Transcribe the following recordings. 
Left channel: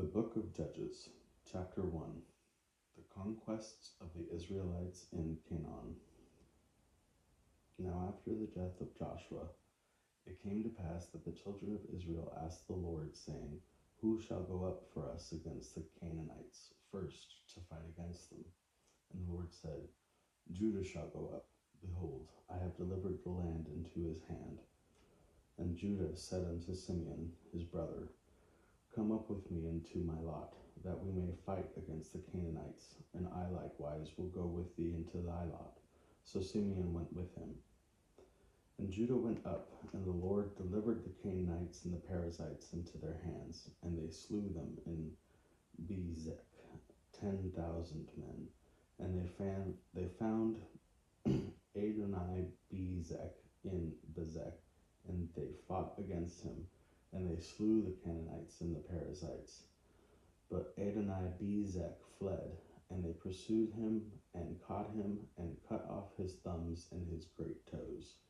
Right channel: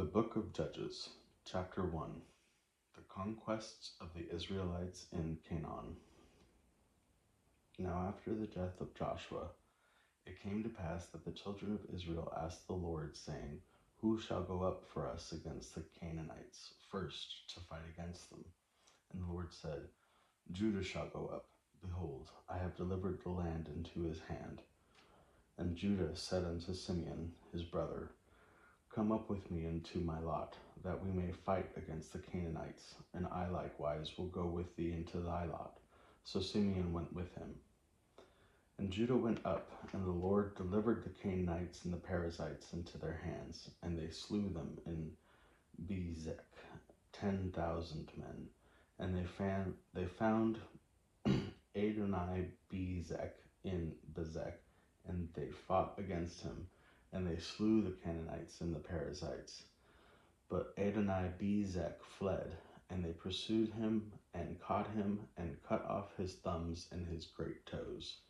The Book of Judges, Chapter 1. The Conquests of the Israelites in Canaan. Now after the death of Joshua, it came to pass that the children of Israel asked the Lord, saying, Who shall go up for us against the Canaanites first to fight against them? And the Lord said, Judah shall go up. Behold, I have delivered the land into his hand. And Judah said unto Simeon his brother, Come up with me into my lot, that we may fight against the Canaanites, and I likewise will go with thee into thy lot. So Simeon went with him. And Judah went up, and the Lord delivered the Canaanites and the Perizzites into their hands, and they slew them in Bezek, 10,000 men. And they found Adoni-Bezek in Bezek, and they fought against him, and they slew the Canaanites and the Perizzites. But Adoni-Bezek fled, and they pursued him, and caught him, and cut off his thumbs and his great toes.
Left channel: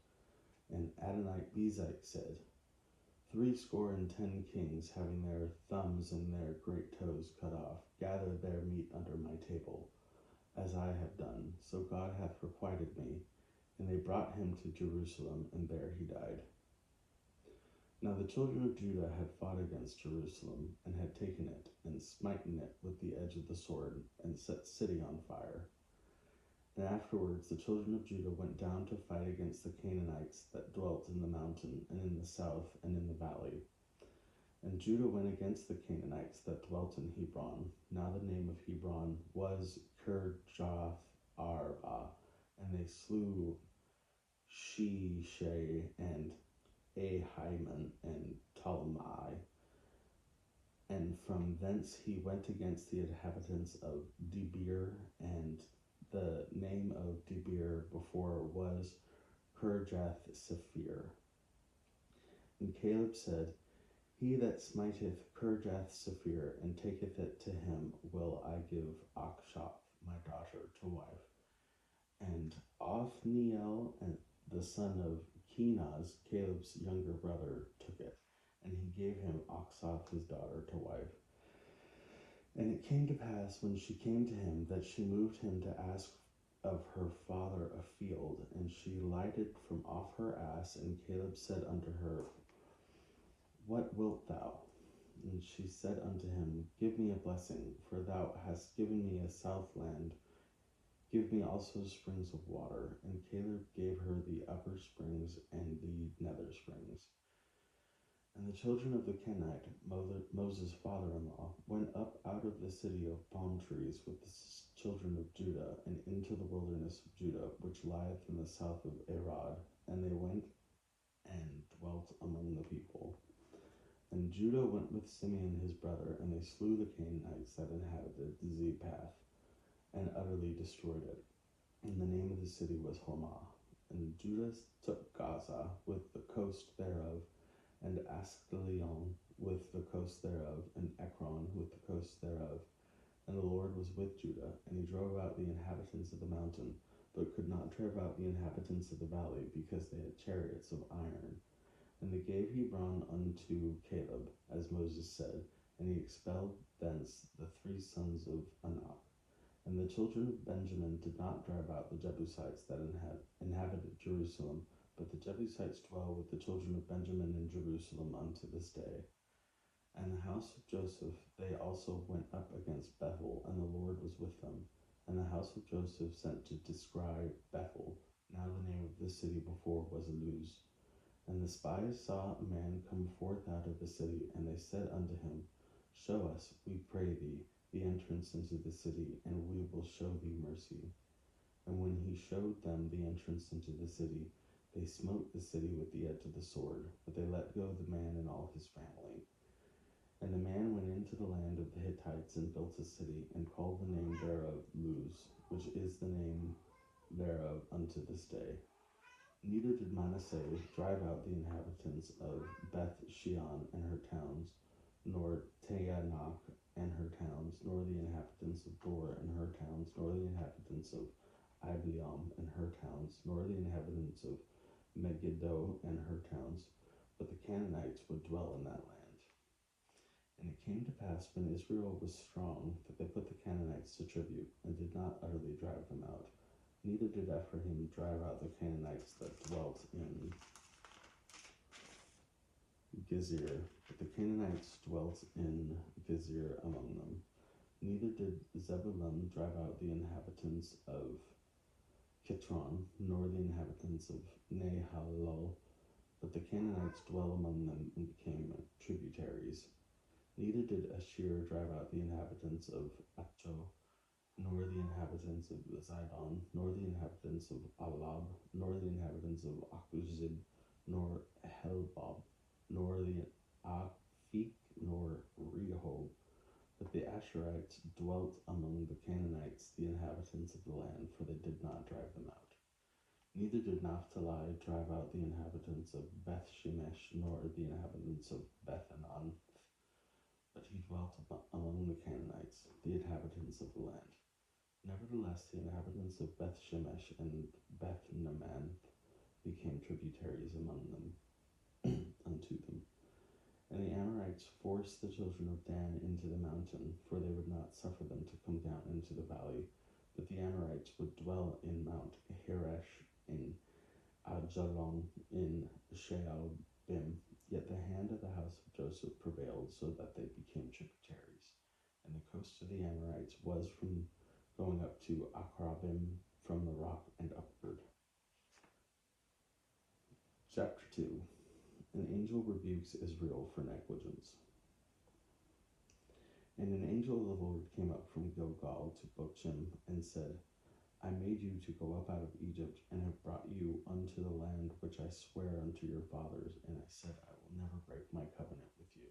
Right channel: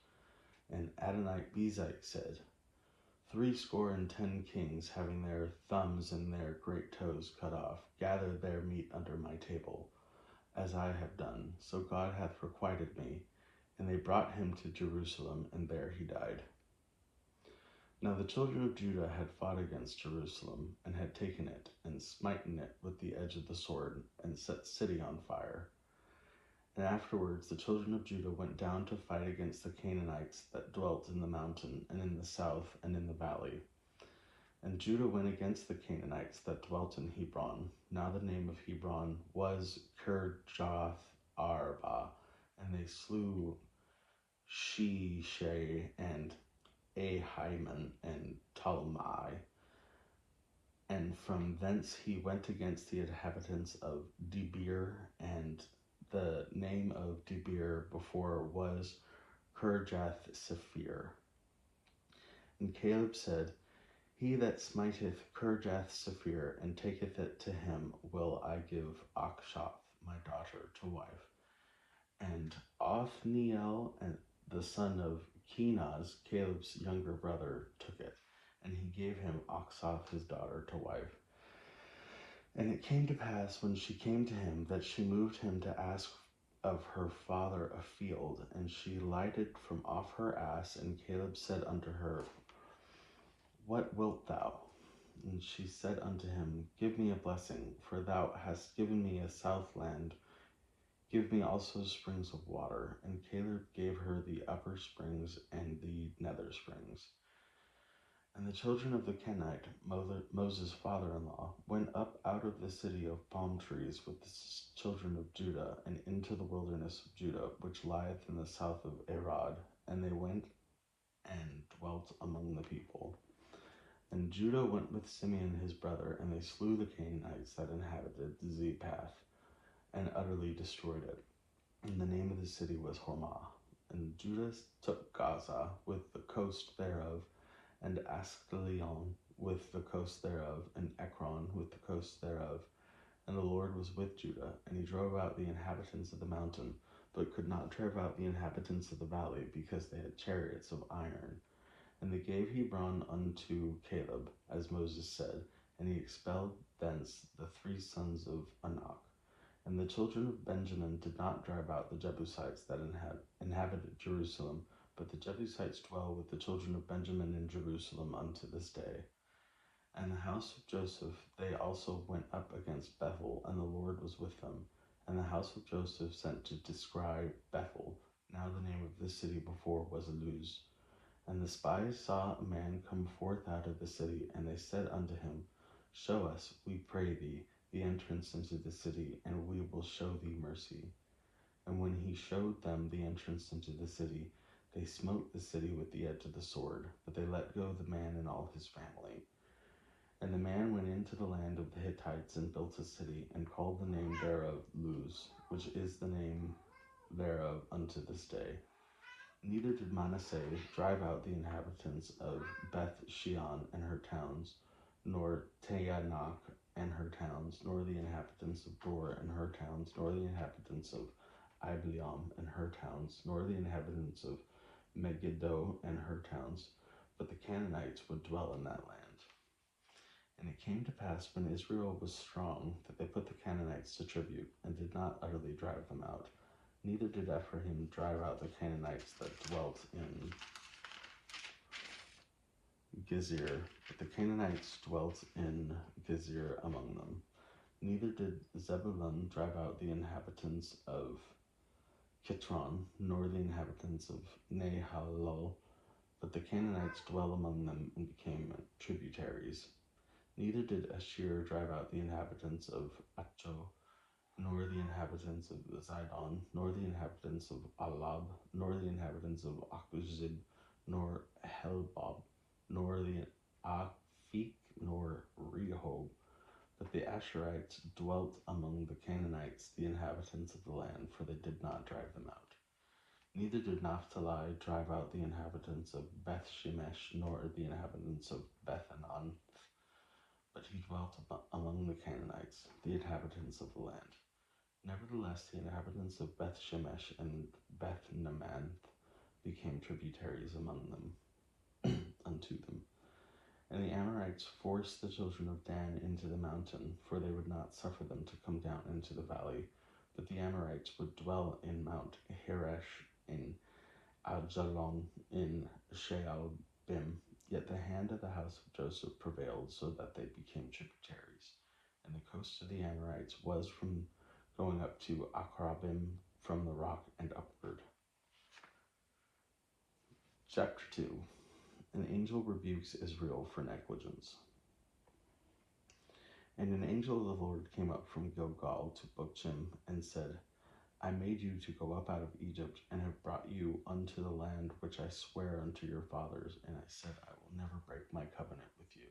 And Adoni-Bezek said, 70 kings, having their thumbs and their great toes cut off, gathered their meat under my table, as I have done, so God hath requited me. And they brought him to Jerusalem, and there he died. Now the children of Judah had fought against Jerusalem, and had taken it, and smitten it with the edge of the sword, and set the city on fire. And afterwards the children of Judah went down to fight against the Canaanites that dwelt in the mountain, and in the south, and in the valley. And Judah went against the Canaanites that dwelt in Hebron. Now the name of Hebron was Kirjath Arba, and they slew Sheshai, and Ahiman, and Talmai. And from thence he went against the inhabitants of Debir, and the name of Debir before was Kirjath-Sepher. And Caleb said, He that smiteth Kirjath-Sepher, and taketh it to him, will I give Achshaph my daughter to wife. And Othniel, and the son of Kenaz, Caleb's younger brother, took it, and he gave him Achshaph his daughter to wife. And it came to pass, when she came to him, that she moved him to ask of her father a field, and she lighted from off her ass, and Caleb said unto her, What wilt thou? And she said unto him, Give me a blessing, for thou hast given me a south land. Give me also springs of water. And Caleb gave her the upper springs and the nether springs. And the children of the Kenite, Moses' father-in-law, went up out of the city of palm trees with the children of Judah, and into the wilderness of Judah, which lieth in the south of Arad. And they went and dwelt among the people. And Judah went with Simeon his brother, and they slew the Canaanites that inhabited Zephath, and utterly destroyed it. And the name of the city was Hormah. And Judah took Gaza with the coast thereof, and Askelon with the coast thereof, and Ekron with the coast thereof. And the Lord was with Judah, and he drove out the inhabitants of the mountain, but could not drive out the inhabitants of the valley, because they had chariots of iron. And they gave Hebron unto Caleb, as Moses said, and he expelled thence the 3 sons of Anak. And the children of Benjamin did not drive out the Jebusites that inhabited Jerusalem, but the Jebusites dwell with the children of Benjamin in Jerusalem unto this day. And the house of Joseph, they also went up against Bethel, and the Lord was with them. And the house of Joseph sent to describe Bethel. Now the name of this city before was Luz. And the spies saw a man come forth out of the city, and they said unto him, Show us, we pray thee, the entrance into the city, and we will show thee mercy. And when he showed them the entrance into the city, they smote the city with the edge of the sword, but they let go the man and all his family. And the man went into the land of the Hittites, and built a city, and called the name thereof Luz, which is the name thereof unto this day. Neither did Manasseh drive out the inhabitants of Beth-shean and her towns, nor Taanach and her towns, nor the inhabitants of Dor and her towns, nor the inhabitants of Ibleam and her towns, nor the inhabitants of Megiddo and her towns, but the Canaanites would dwell in that land. And it came to pass when Israel was strong that they put the Canaanites to tribute and did not utterly drive them out. Neither did Ephraim drive out the Canaanites that dwelt in Gezer, but the Canaanites dwelt in Gezer among them. Neither did Zebulun drive out the inhabitants of Kitron, nor the inhabitants of Nahalol, but the Canaanites dwell among them and became tributaries. Neither did Asher drive out the inhabitants of Acho, nor the inhabitants of Zidon, nor the inhabitants of Alab, nor the inhabitants of Akuzib, nor Helbob, nor the Aphik, nor Rehob. But the Asherites dwelt among the Canaanites, the inhabitants of the land, for they did not drive them out. Neither did Naphtali drive out the inhabitants of Beth Shemesh, nor the inhabitants of Beth-anan, but he dwelt among the Canaanites, the inhabitants of the land. Nevertheless, the inhabitants of Beth Shemesh and Beth Namanth became tributaries among them unto them. And the Amorites forced the children of Dan into the mountain, for they would not suffer them to come down into the valley. But the Amorites would dwell in Mount Heresh, in Ajalon, in Shaalbim. Yet the hand of the house of Joseph prevailed, so that they became tributaries. And the coast of the Amorites was from going up to Akrabim, from the rock and upward. Chapter 2. An angel rebukes Israel for negligence. And an angel of the Lord came up from Gilgal to Bochim, and said, I made you to go up out of Egypt, and have brought you unto the land which I swear unto your fathers. And I said, I will never break my covenant with you.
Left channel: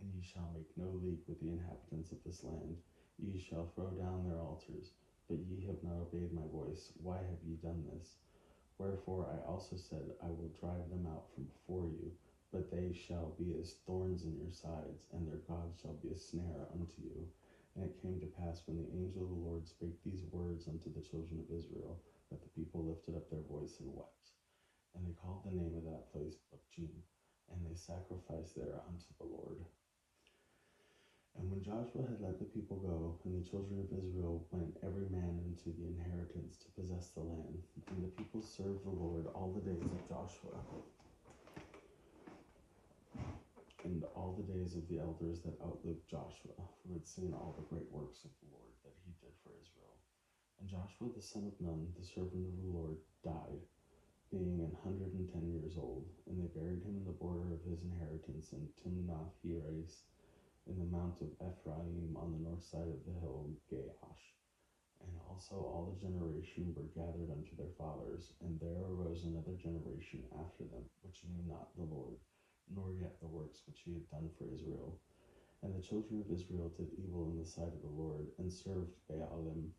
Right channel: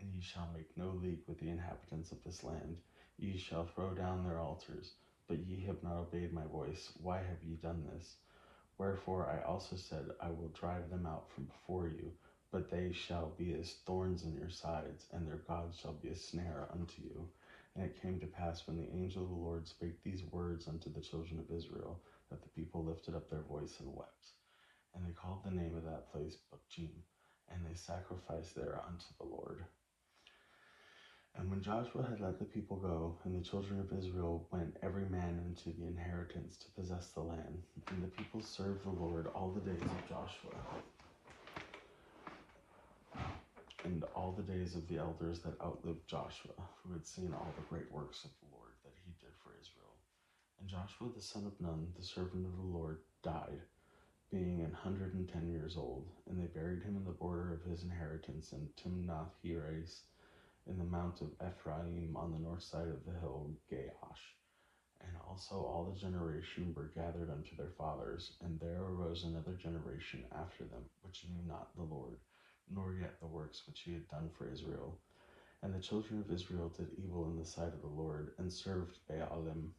And ye shall make no league with the inhabitants of this land. Ye shall throw down their altars. But ye have not obeyed my voice. Why have ye done this? Wherefore I also said, I will drive them out from before you. But they shall be as thorns in your sides, and their gods shall be a snare unto you. And it came to pass, when the angel of the Lord spake these words unto the children of Israel, that the people lifted up their voice and wept. And they called the name of that place Bochim, and they sacrificed there unto the Lord. And when Joshua had let the people go, and the children of Israel went every man into the inheritance to possess the land, and the people served the Lord all the days of Joshua, and all the days of the elders that outlived Joshua, who had seen all the great works of the Lord that he did for Israel. And Joshua the son of Nun, the servant of the Lord, died, being 110 years old. And they buried him in the border of his inheritance in Timnath-Heres, in the mount of Ephraim, on the north side of the hill Gaash. And also all the generation were gathered unto their fathers, and there arose another generation after them, which knew not the Lord, nor yet the works which he had done for Israel. And the children of Israel did evil in the sight of the Lord, and served Baalim,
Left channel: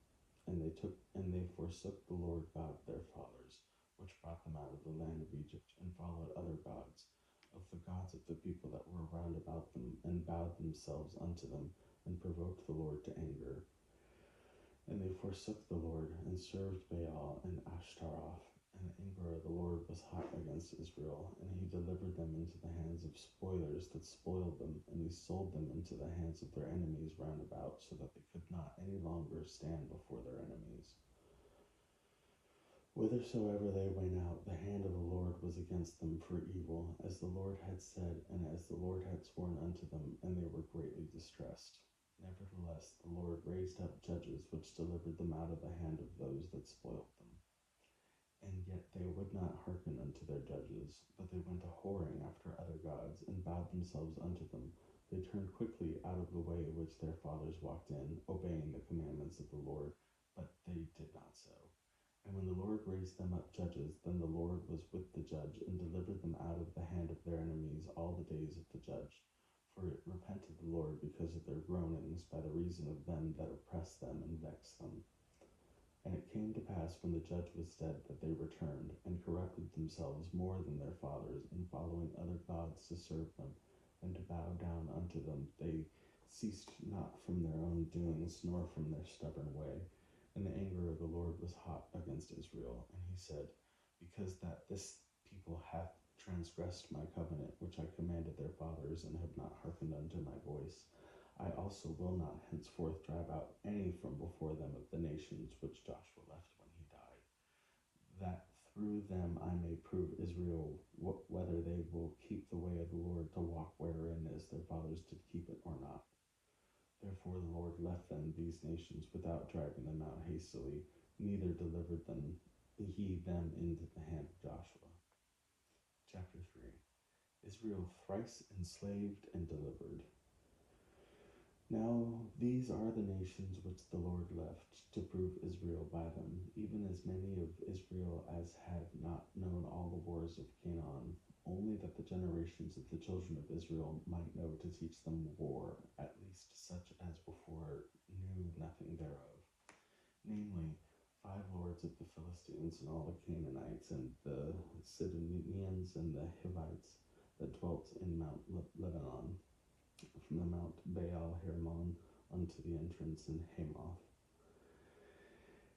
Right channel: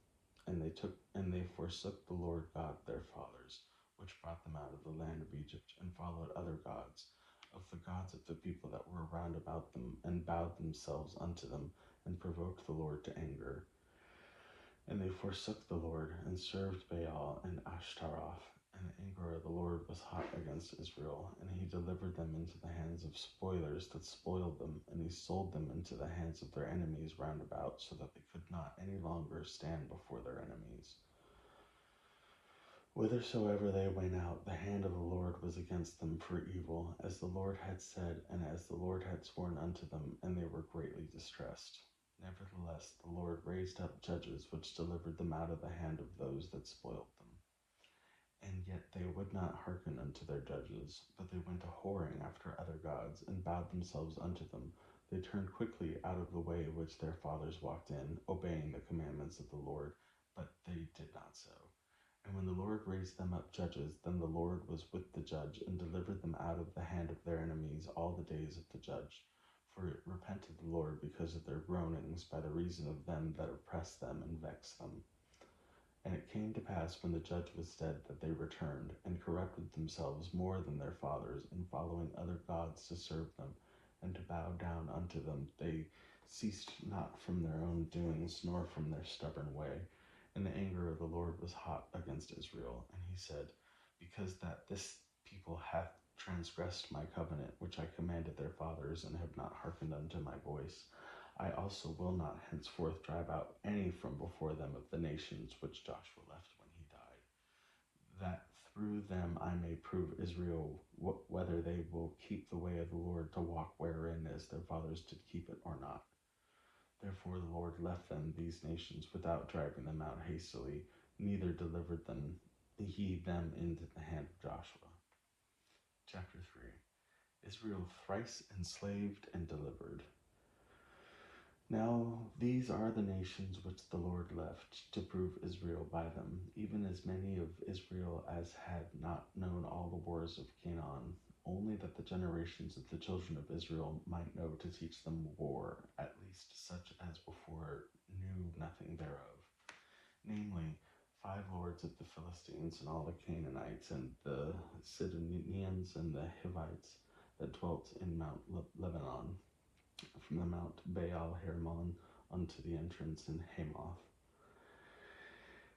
and they forsook the Lord God their fathers, which brought them out of the land of Egypt, and followed other gods, of the gods of the people that were round about them, and bowed themselves unto them, and provoked the Lord to anger. And they forsook the Lord, and served Baal and Ashtaroth. And the anger of the Lord was hot against Israel, and he delivered them into the hands of spoilers that spoiled them, and he sold them into the hands of their enemies round about, so that they could not any longer stand before their enemies. Whithersoever they went out, the hand of the Lord was against them for evil, as the Lord had said, and as the Lord had sworn unto them, and they were greatly distressed. Nevertheless, the Lord raised up judges, which delivered them out of the hand of those that spoiled them. And yet they would not hearken unto their judges, but they went a whoring after other gods, and bowed themselves unto them. They turned quickly out of the way which their fathers walked in, obeying the commandments of the Lord, but they did not so. And when the Lord raised them up judges, then the Lord was with the judge, and delivered them out of the hand of their enemies all the days of the judge. For it repented the Lord because of their groanings, by the reason of them that oppressed them and vexed them. And it came to pass, when the judge was dead, that they returned, and corrupted themselves more than their fathers, in following other gods to serve them, and to bow down unto them. They ceased not from their own doings, nor from their stubborn way. And the anger of the Lord was hot against Israel. And he said, because that this people hath transgressed my covenant, which I commanded their fathers, and have not hearkened unto my voice, I also will not henceforth drive out any from before them of the nations which Joshua left when he died, that through them I may prove Israel whether they will keep the way of the Lord to walk wherein as their fathers did keep it or not. Therefore the Lord left them these nations without driving them out hastily, neither delivered he them into the hand of Joshua. Chapter 3. Israel thrice enslaved and delivered. Now these are the nations which the Lord left to prove Israel by them, even as many of Israel as had not known all the wars of Canaan, only that the generations of the children of Israel might know to teach them war, at least such as before knew nothing thereof. Namely, 5 lords of the Philistines, and all the Canaanites, and the Sidonians, and the Hivites that dwelt in Mount Lebanon, from the Mount Baal Hermon unto the entrance in Hamath.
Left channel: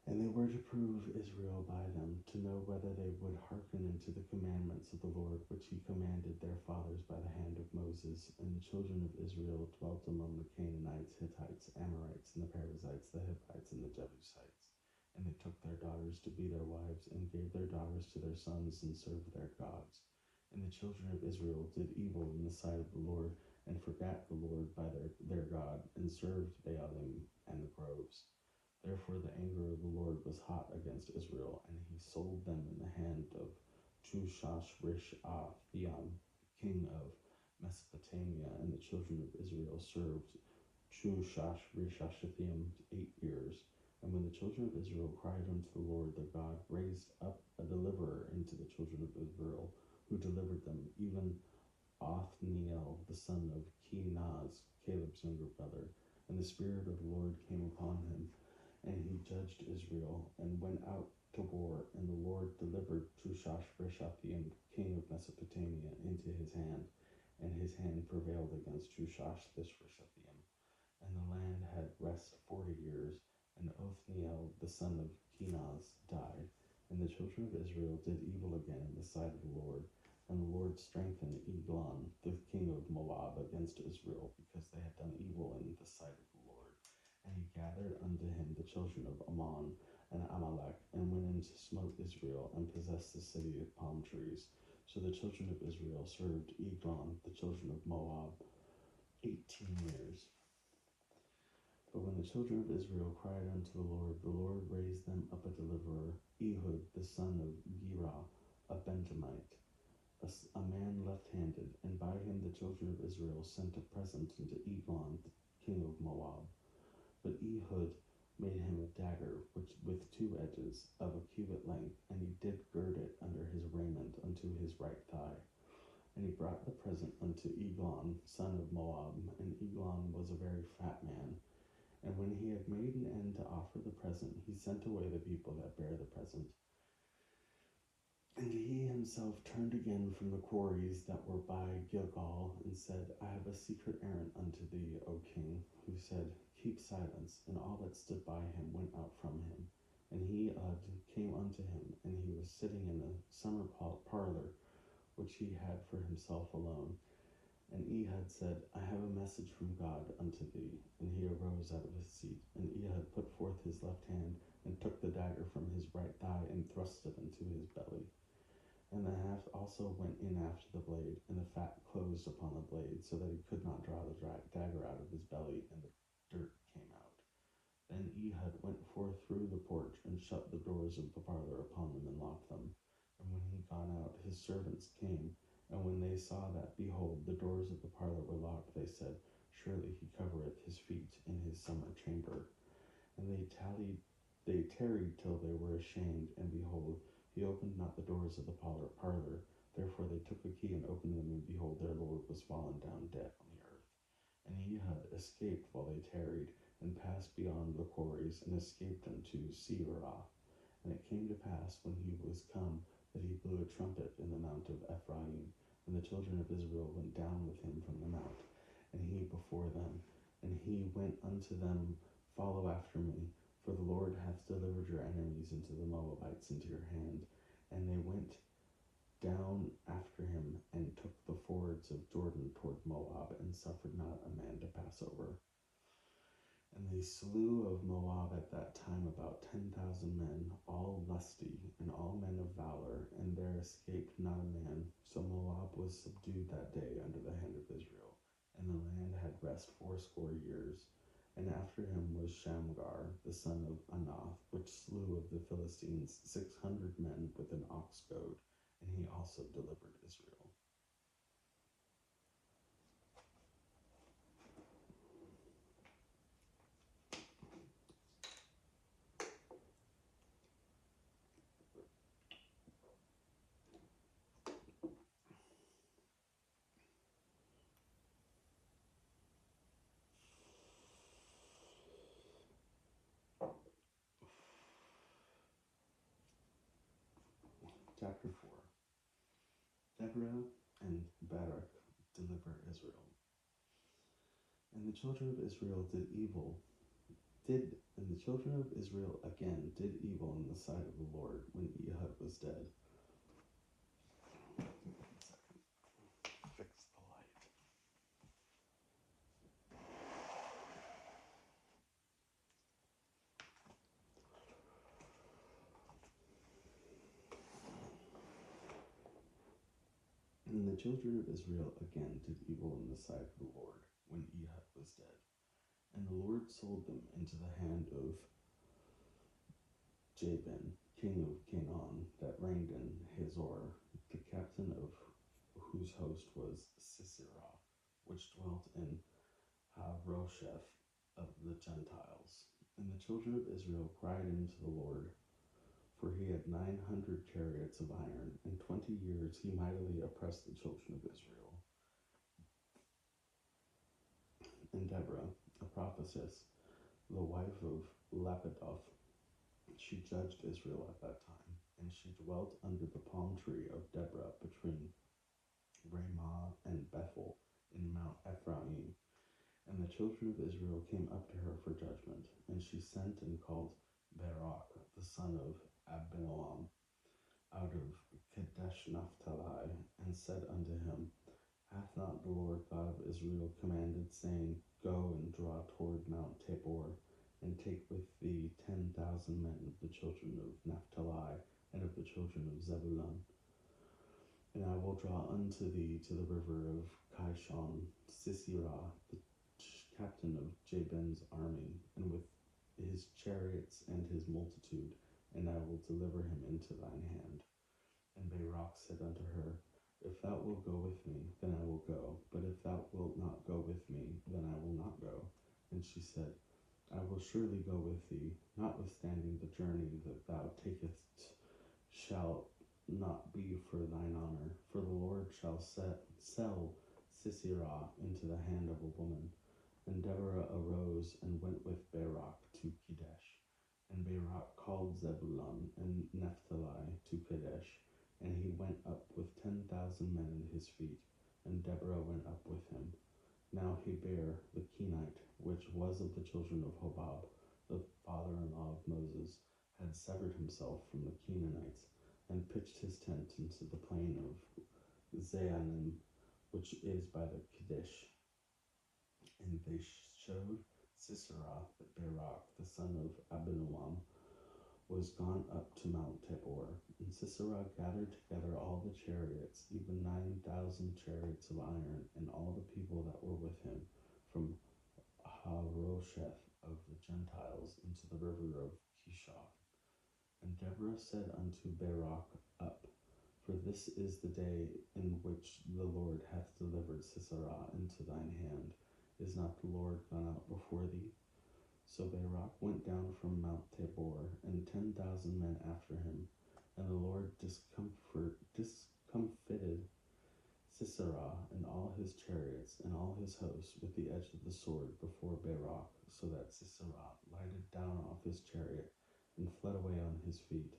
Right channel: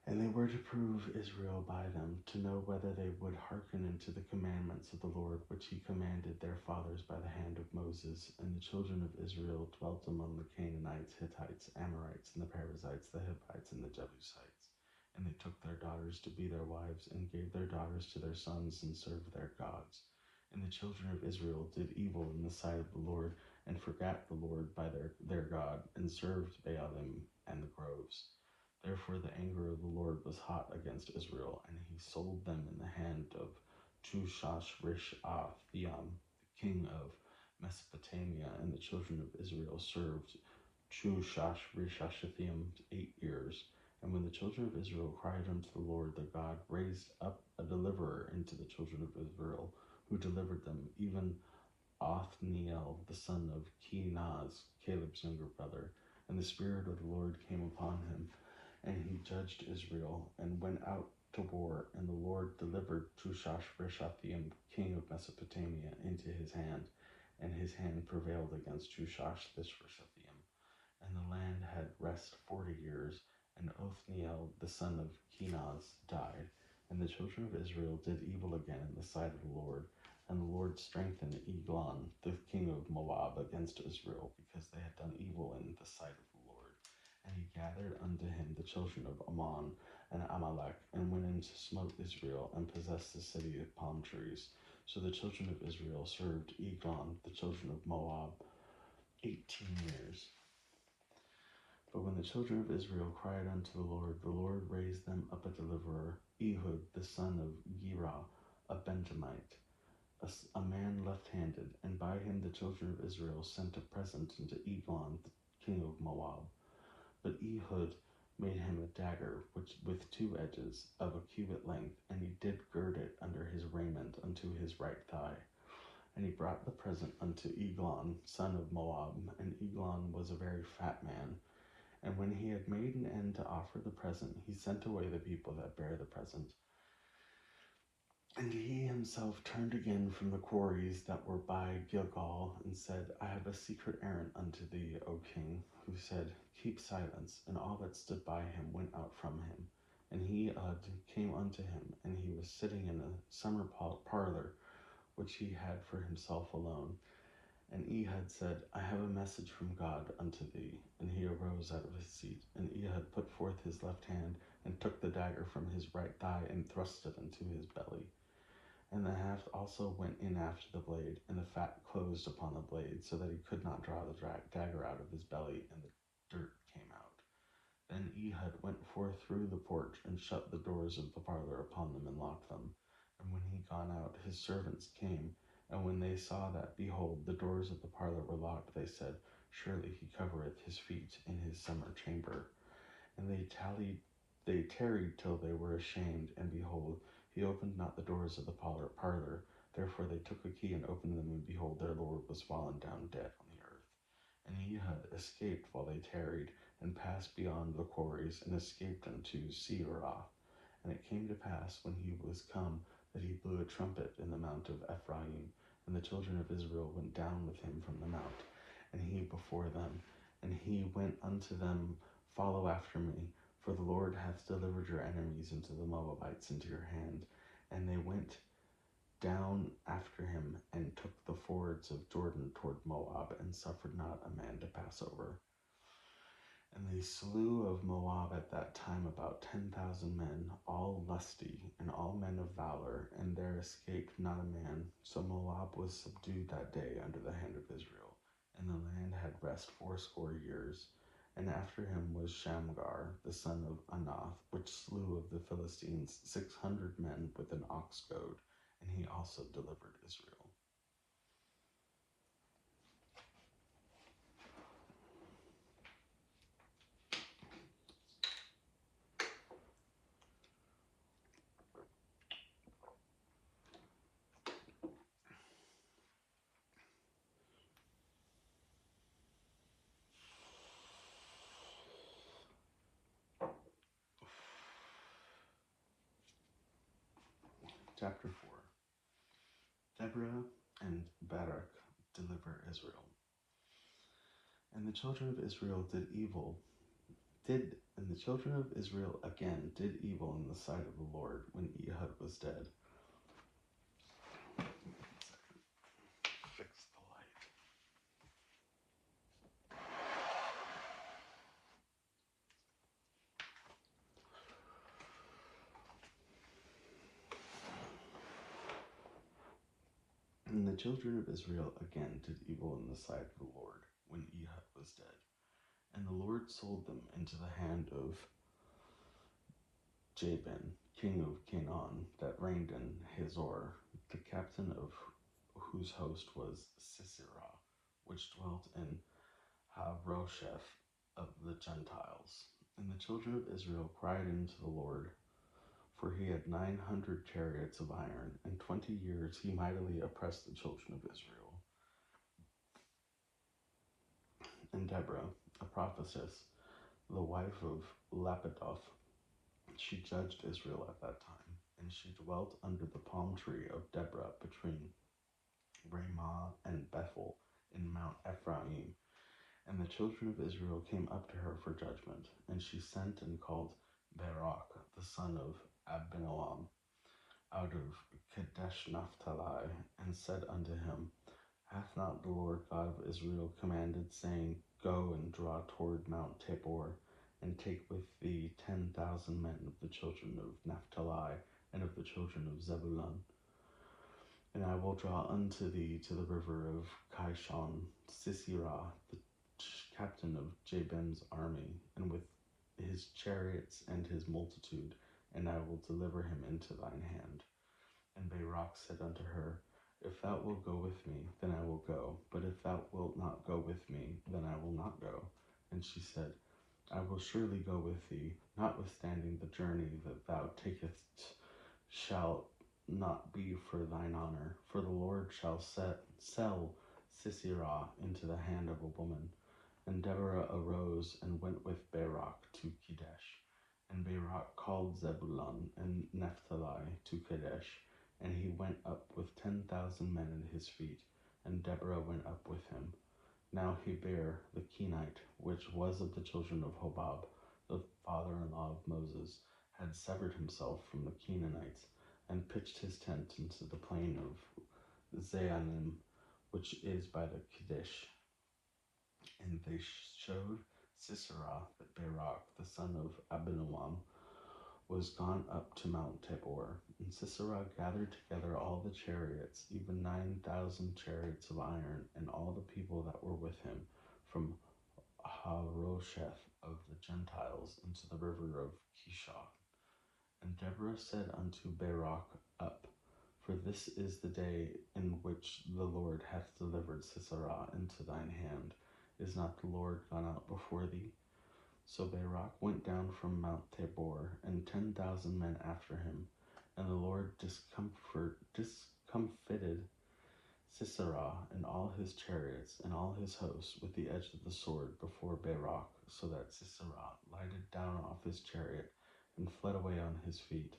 And they were to prove Israel by them, to know whether they would hearken unto the commandments of the Lord, which he commanded their fathers by the hand of Moses. And the children of Israel dwelt among the Canaanites, Hittites, Amorites, and the Perizzites, the Hivites, and the Jebusites. And they took their daughters to be their wives, and gave their daughters to their sons, and served their gods. And the children of Israel did evil in the sight of the Lord, and forgat the Lord by their God, and served Baalim and the groves. Therefore the anger of the Lord was hot against Israel, and he sold them in the hand of Tushash-Rishathaim, king of Mesopotamia, and the children of Israel served Tushash-Rishathaim 8 years. And when the children of Israel cried unto the Lord their God, raised up a deliverer into the children of Israel, who delivered them, even Othniel, the son of Kenaz, Caleb's younger brother. And the Spirit of the Lord came upon him, and he judged Israel, and went out to war. And the Lord delivered Tushash-Rishathaim, king of Mesopotamia, into his hand, and his hand prevailed against Tushash-Rishathaim. And the land had rest 40 years, and Othniel, the son of Kenaz, died. And the children of Israel did evil again in the sight of the Lord. And the Lord strengthened Eglon, the king of Moab, against Israel, because they had done evil in the sight of the Lord. And he gathered unto him the children of Ammon and Amalek, and went in to smote Israel, and possessed the city of palm trees. So the children of Israel served Eglon, the children of Moab, 18 years. But when the children of Israel cried unto the Lord raised them up a deliverer, Ehud, the son of Gera, a Benjamite, a man left-handed, and by him the children of Israel sent a present unto Eglon, the king of Moab. But Ehud made him a dagger with 2 edges, of a cubit length, and he did gird it under his raiment unto his right thigh. And he brought the present unto Eglon, son of Moab, and Eglon was a very fat man. And when he had made an end to offer the present, he sent away the people that bare the present. And he himself turned again from the quarries that were by Gilgal, and said, I have a secret errand unto thee, O king. Who said, Keep silence. And all that stood by him went out from him. And he came unto him, and he was sitting in a summer parlor, which he had for himself alone. And Ehud said, I have a message from God unto thee. And he arose out of his seat. And Ehud put forth his left hand, and took the dagger from his right thigh, and thrust it into his belly. And the haft also went in after the blade, and the fat closed upon the blade, so that he could not draw the dagger out of his belly, and the dirt came out. Then Ehud went forth through the porch, and shut the doors of the parlor upon them, and locked them. And when he gone out, his servants came, and when they saw that, behold, the doors of the parlor were locked, they said, Surely he covereth his feet in his summer chamber. And they tarried till they were ashamed, and behold, he opened not the doors of the parlor. Therefore they took a key and opened them, and behold, their lord was fallen down dead on the earth. And Ehud escaped while they tarried, and passed beyond the quarries, and escaped unto Seirath. And it came to pass, when he was come, that he blew a trumpet in the mount of Ephraim, and the children of Israel went down with him from the mount, and he before them. And he went unto them, Follow after me, for the Lord hath delivered your enemies into the Moabites into your hand. And they went down after him and took the fords of Jordan toward Moab, and suffered not a man to pass over. And they slew of Moab at that time about 10,000 men, all lusty, and all men of valor, and there escaped not a man. So Moab was subdued that day under the hand of Israel, and the land had rest 80 years. And after him was Shamgar, the son of Anath, which slew of the Philistines 600 men with an ox goad, and he also delivered Israel. Chapter 4. Deborah and Barak deliver Israel. And the children of Israel and the children of Israel again did evil in the sight of the Lord when Ehud was dead. Fix the light. And the children of Israel again did evil in the sight of the Lord when Ehud was dead. And the Lord sold them into the hand of Jabin, king of Canaan, that reigned in Hazor, the captain of whose host was Sisera, which dwelt in Harosheth of the Gentiles. And the children of Israel cried unto the Lord, for he had 900 chariots of iron. In 20 years he mightily oppressed the children of Israel. And Deborah, a prophetess, the wife of Lapidoth, she judged Israel at that time. And she dwelt under the palm tree of Deborah between Ramah and Bethel in Mount Ephraim. And the children of Israel came up to her for judgment. And she sent and called Barak, the son of Abinoam, out of Kadesh Naphtali, and said unto him, Hath not the Lord God of Israel commanded, saying, Go and draw toward Mount Tabor, and take with thee 10,000 men of the children of Naphtali, and of the children of Zebulun? And I will draw unto thee to the river of Kishon Sisera, the captain of Jabin's army, and with his chariots and his multitude, and I will deliver him into thine hand. And Barak said unto her, If thou wilt go with me, then I will go, but if thou wilt not go with me, then I will not go. And she said, I will surely go with thee, notwithstanding the journey that thou takest shall not be for thine honor, for the Lord shall sell Sisera into the hand of a woman. And Deborah arose and went with Barak to Kadesh. And Barak called Zebulun and Naphtali to Kadesh, and he went up with 10,000 men at his feet, and Deborah went up with him. Now Heber the Kenite, which was of the children of Hobab, the father-in-law of Moses, had severed himself from the Canaanites, and pitched his tent into the plain of Zaanim, which is by the Kadesh. And they showed Sisera that Barak, the son of Abinoam, was gone up to Mount Tabor. And Sisera gathered together all the chariots, even 9,000 chariots of iron, and all the people that were with him, from Harosheth of the Gentiles into the river of Kishon. And Deborah said unto Barak, Up, for this is the day in which the Lord hath delivered Sisera into thine hand. Is not the Lord gone out before thee? So Barak went down from Mount Tabor, and 10,000 men after him. And the Lord discomfited Sisera and all his chariots and all his hosts with the edge of the sword before Barak, so that Sisera lighted down off his chariot and fled away on his feet.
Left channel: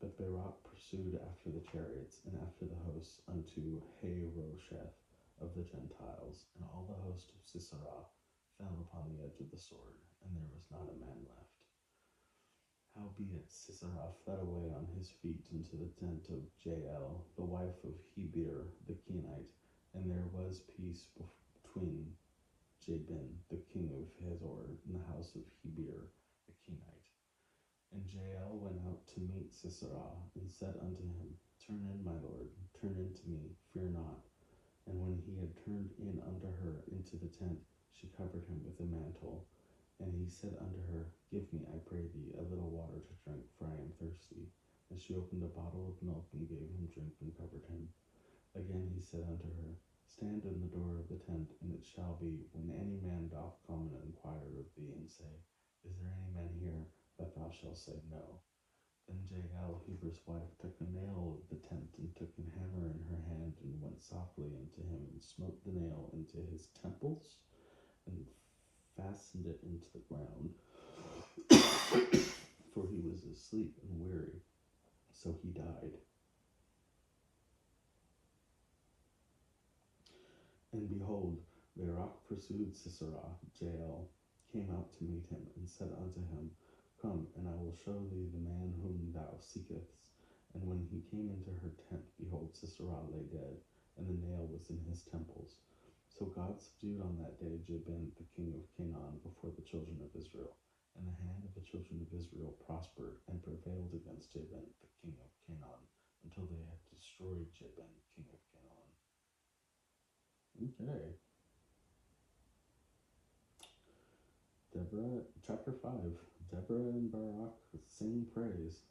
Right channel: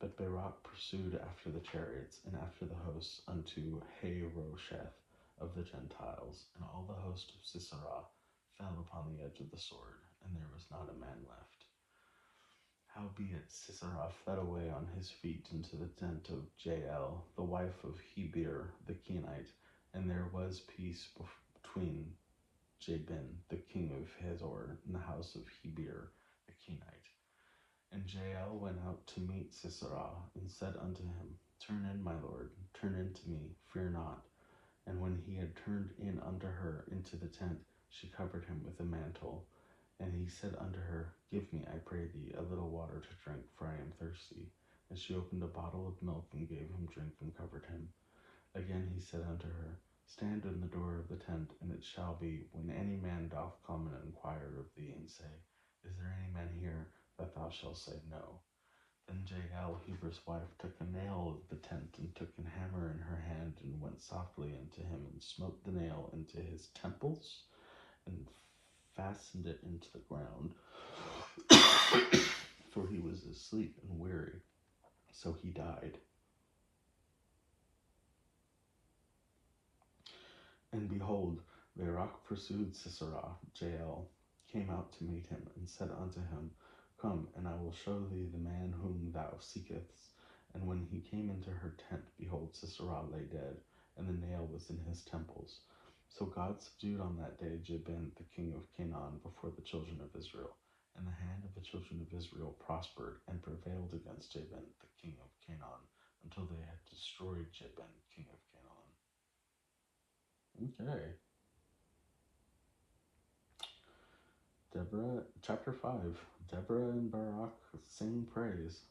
But Barak pursued after the chariots and after the hosts unto Harosheth of the Gentiles, and all the host of Sisera fell upon the edge of the sword, and there was not a man left. Howbeit Sisera fled away on his feet into the tent of Jael, the wife of Heber the Kenite, and there was peace between Jabin, the king of Hazor, and the house of Heber the Kenite. And Jael went out to meet Sisera, and said unto him, Turn in, my lord, turn in to me, fear not. And when he had turned in unto her into the tent, she covered him with a mantle. And he said unto her, Give me, I pray thee, a little water to drink, for I am thirsty. And she opened a bottle of milk, and gave him drink, and covered him. Again he said unto her, Stand in the door of the tent, and it shall be, when any man doth come and inquire of thee, and say, Is there any man here? That thou shalt say, No. Then Jael, Heber's wife, took a nail of the tent, and took a hammer in her hand, and went softly unto him, and smote the nail into his temples, and fastened it into the ground, for he was asleep and weary. So he died. And behold, Barak pursued Sisera. Jael came out to meet him, and said unto him, Come, and I will show thee the man whom thou seekest. And when he came into her tent, behold, Sisera lay dead, and the nail was in his temples. So God subdued on that day Jabin, the king of Canaan, before the children of Israel. And the hand of the children of Israel prospered, and prevailed against Jabin, the king of Canaan, until they had destroyed Jabin, king of Canaan. Okay. Deborah, chapter 5. Deborah and Barak sing praise.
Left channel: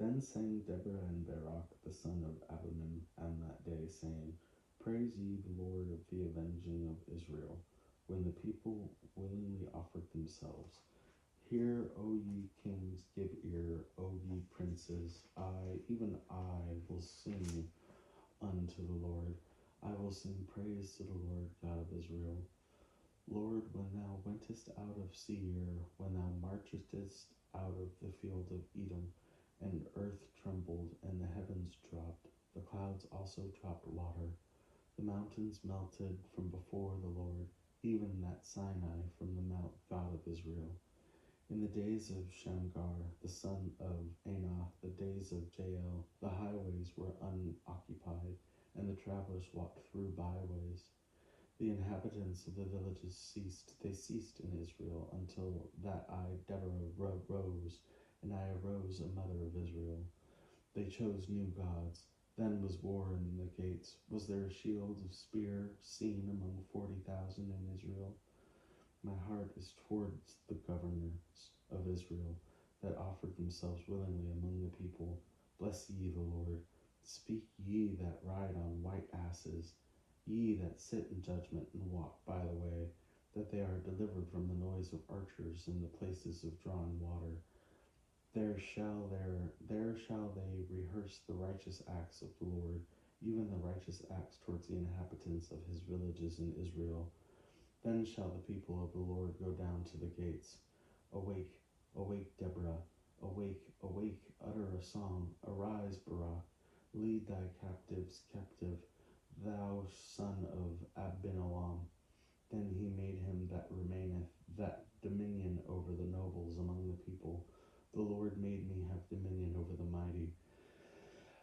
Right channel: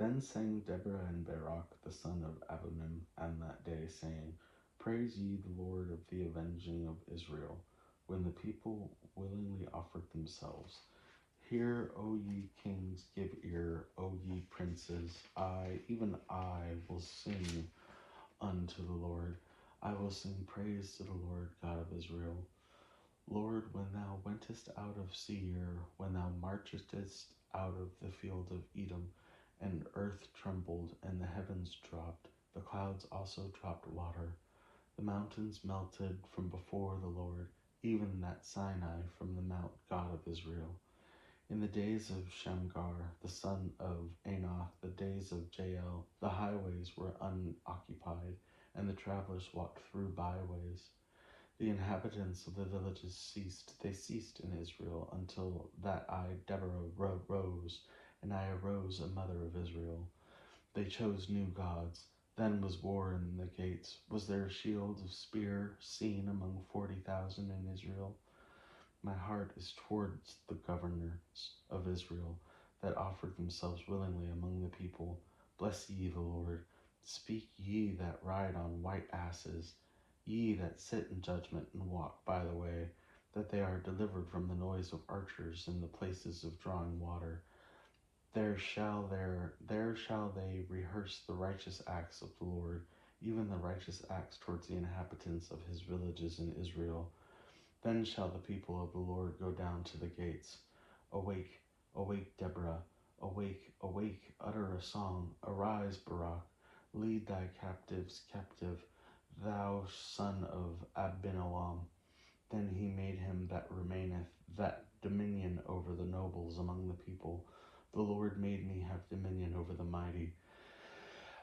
Then sang Deborah and Barak, the son of Abinoam, on that day, saying, Praise ye the Lord of the avenging of Israel, when the people willingly offered themselves. Hear, O ye kings, give ear, O ye princes. I, even I, will sing unto the Lord. I will sing praise to the Lord God of Israel. Lord, when thou wentest out of Seir, when thou marchedst out of the field of Edom, and earth trembled, and the heavens dropped, the clouds also dropped water. The mountains melted from before the Lord, even that Sinai from the Mount God of Israel. In the days of Shamgar, the son of Anath, the days of Jael, the highways were unoccupied, and the travelers walked through byways. The inhabitants of the villages ceased. They ceased in Israel until that I, Deborah, rose, and I arose, a mother of Israel. They chose new gods. Then was war in the gates. Was there a shield of spear seen among 40,000 in Israel? My heart is towards the governors of Israel, that offered themselves willingly among the people. Bless ye the Lord. Speak ye that ride on white asses, ye that sit in judgment and walk by the way, that they are delivered from the noise of archers in the places of drawing water. There shall they rehearse the righteous acts of the Lord, even the righteous acts towards the inhabitants of his villages in Israel. Then shall the people of the Lord go down to the gates. Awake, awake, Deborah. Awake, awake, utter a song. Arise, Barak. Lead thy captives captive, thou son of Abinoam. Then he made him that remaineth, that dominion over the nobles among the people. The Lord made me have dominion over the mighty.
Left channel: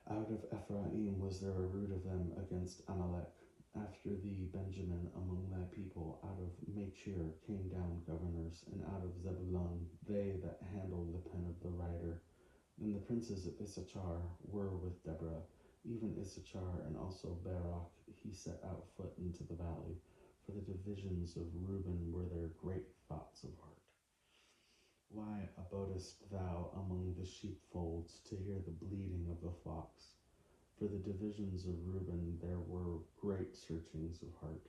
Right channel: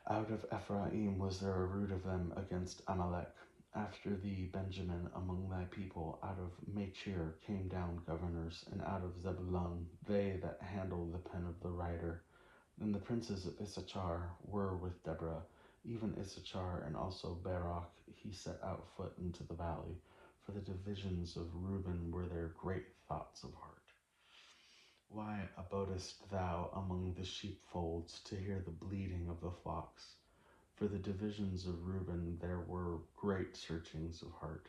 Out of Ephraim was there a root of them against Amalek. After thee, Benjamin, among thy people, out of Machir came down governors, and out of Zebulun they that handle the pen of the writer. And the princes of Issachar were with Deborah, even Issachar and also Barak. He set out foot into the valley. For the divisions of Reuben were their great thoughts of heart. Why abodest thou among the sheepfolds to hear the bleating of the flocks? For the divisions of Reuben there were great searchings of heart.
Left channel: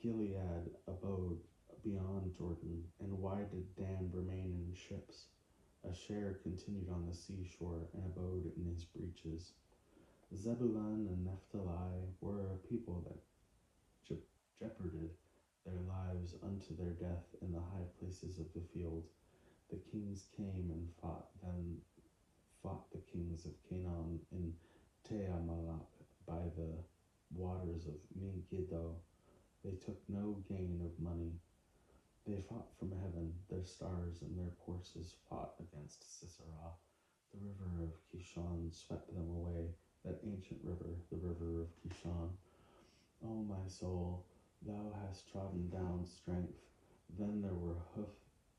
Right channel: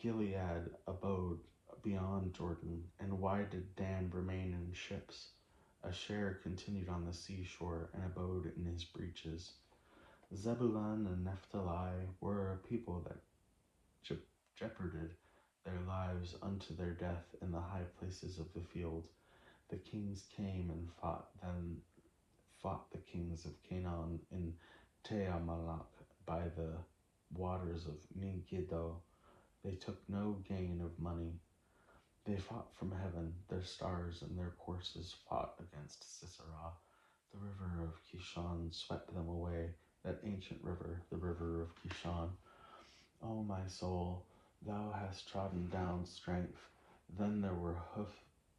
Gilead abode beyond Jordan, and why did Dan remain in ships? Asher continued on the seashore, and abode in his breaches. Zebulun and Naphtali were a people that jeoparded their lives unto their death in the high places of the field. The kings came and fought the kings of Canaan in Teamalak by the waters of Megiddo. They took no gain of money. They fought from heaven, their stars and their courses fought against Sisera. The river of Kishon swept them away, that ancient river, the river of Kishon. O my soul, thou hast trodden down strength. Then there were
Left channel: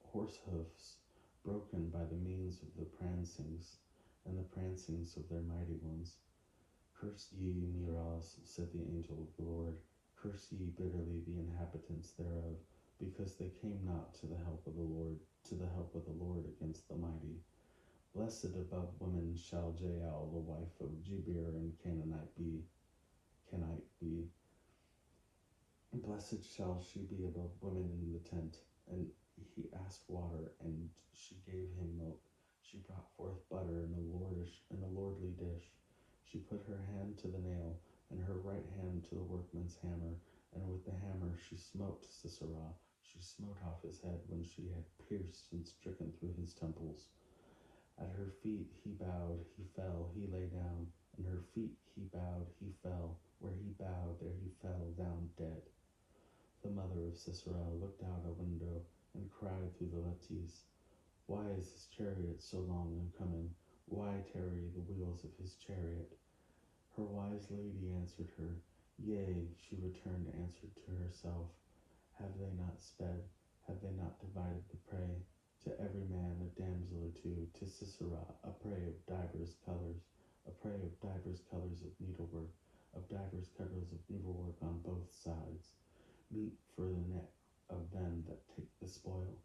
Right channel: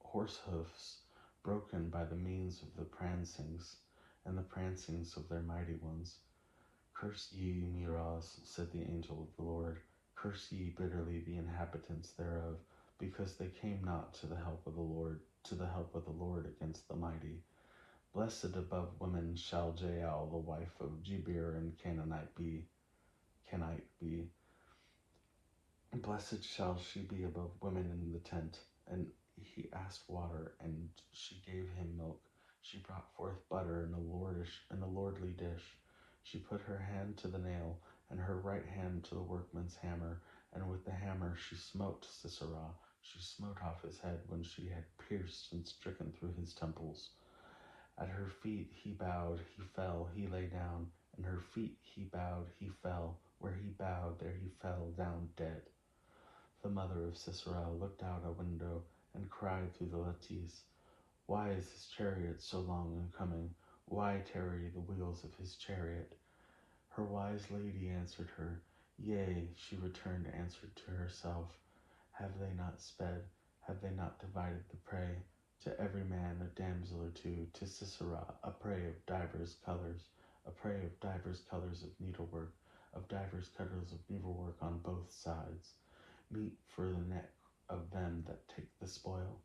horse hoofs broken by the means of the prancings, and the prancings of their mighty ones. Curse ye Meroz, said the angel of the Lord. Curse ye bitterly the inhabitants thereof, because they came not to the help of the Lord, against the mighty. Blessed above women shall Jael, the wife of Jebir and Canaanite be. Blessed shall she be above women in the tent. And he asked water, and she gave him milk. She brought forth butter in a lordly dish. She put her hand to the nail, and her right hand to the workman's hammer, and with the hammer she smote Sisera. She smote off his head when she had pierced and stricken through his temples. At her feet he bowed, he fell, he lay down. And her feet he bowed, he fell. Where he bowed, there he fell down dead. The mother of Sisera looked out a window and cried through the lattice, Why is his chariot so long in coming? Why tarry the wheels of his chariot? Her wise lady answered her, Yea, she returned answered to herself, Have they not sped? Have they not divided the prey? To every man a damsel or two, to Sisera a prey of divers colors, of needlework, of divers colors of needlework on both sides, meat for the neck of them that take the spoil.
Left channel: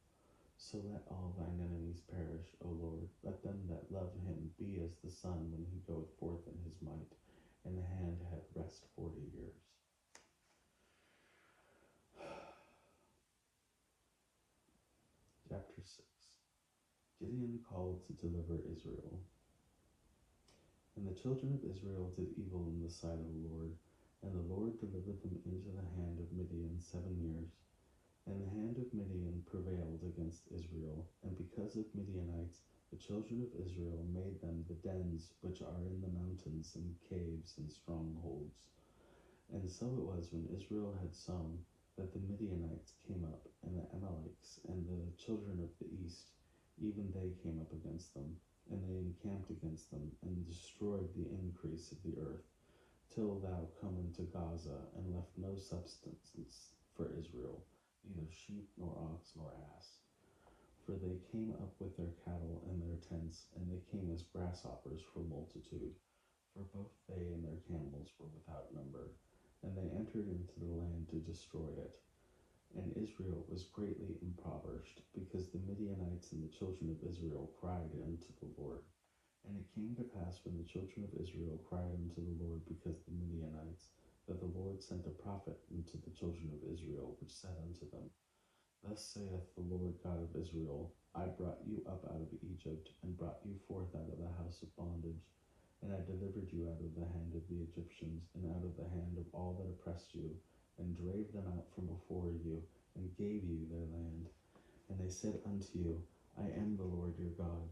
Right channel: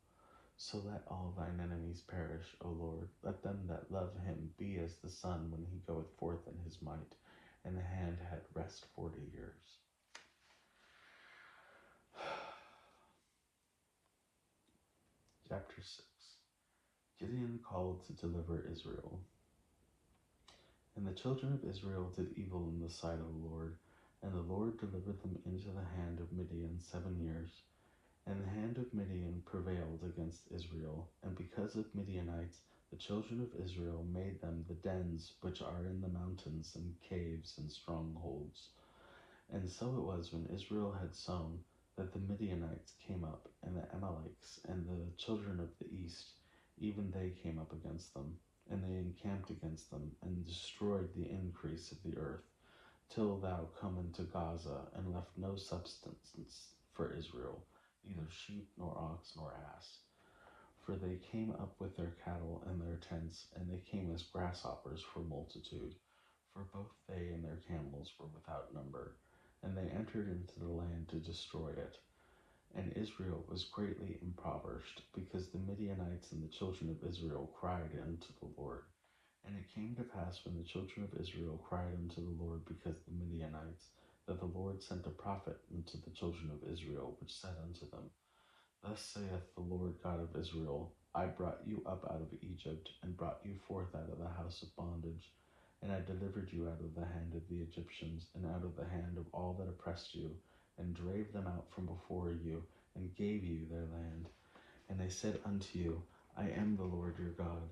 So let all thine enemies perish, O Lord. Let them that love him be as the sun when he goeth forth in his might, and the hand had rest 40 years. Chapter 6. Gideon called to deliver Israel. And the children of Israel did evil in the sight of the Lord, and the Lord delivered them into the hand of Midian 7 years. And the hand of Midian prevailed against Israel, and because of Midianites, the children of Israel made them the dens which are in the mountains, and caves, and strongholds. And so it was when Israel had sown, that the Midianites came up, and the Amalekites, and the children of the east, even they came up against them, and they encamped against them, and destroyed the increase of the earth, till thou come into Gaza, and left no substance for Israel, neither sheep, nor ox, nor ass. For they came up with their cattle and their tents, and they came as grasshoppers for multitude, for both they and their camels were without number, and they entered into the land to destroy it. And Israel was greatly impoverished, because the Midianites and the children of Israel cried unto the Lord. And it came to pass when the children of Israel cried unto the Lord because of the Midianites, that the Lord sent a prophet unto the children of Israel, which said unto them, Thus saith the Lord God of Israel, I brought you up out of Egypt, and brought you forth out of the house of bondage, and I delivered you out of the hand of the Egyptians, and out of the hand of all that oppressed you, and drave them out from before you, and gave you their land. And they said unto you, I am the Lord your God.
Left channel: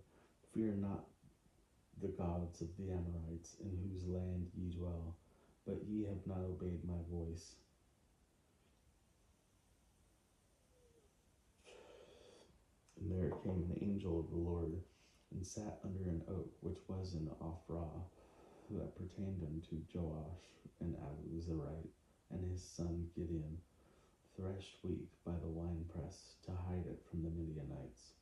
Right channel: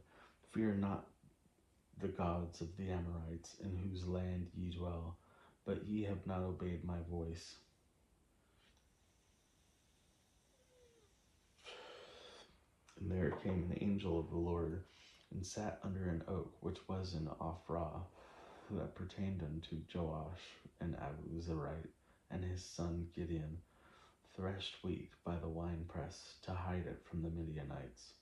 Fear not the gods of the Amorites, in whose land ye dwell, but ye have not obeyed my voice. And there came an angel of the Lord, and sat under an oak which was in Ophrah, that pertained unto Joash and Abuzarite, and his son Gideon, threshed wheat by the winepress, to hide it from the Midianites.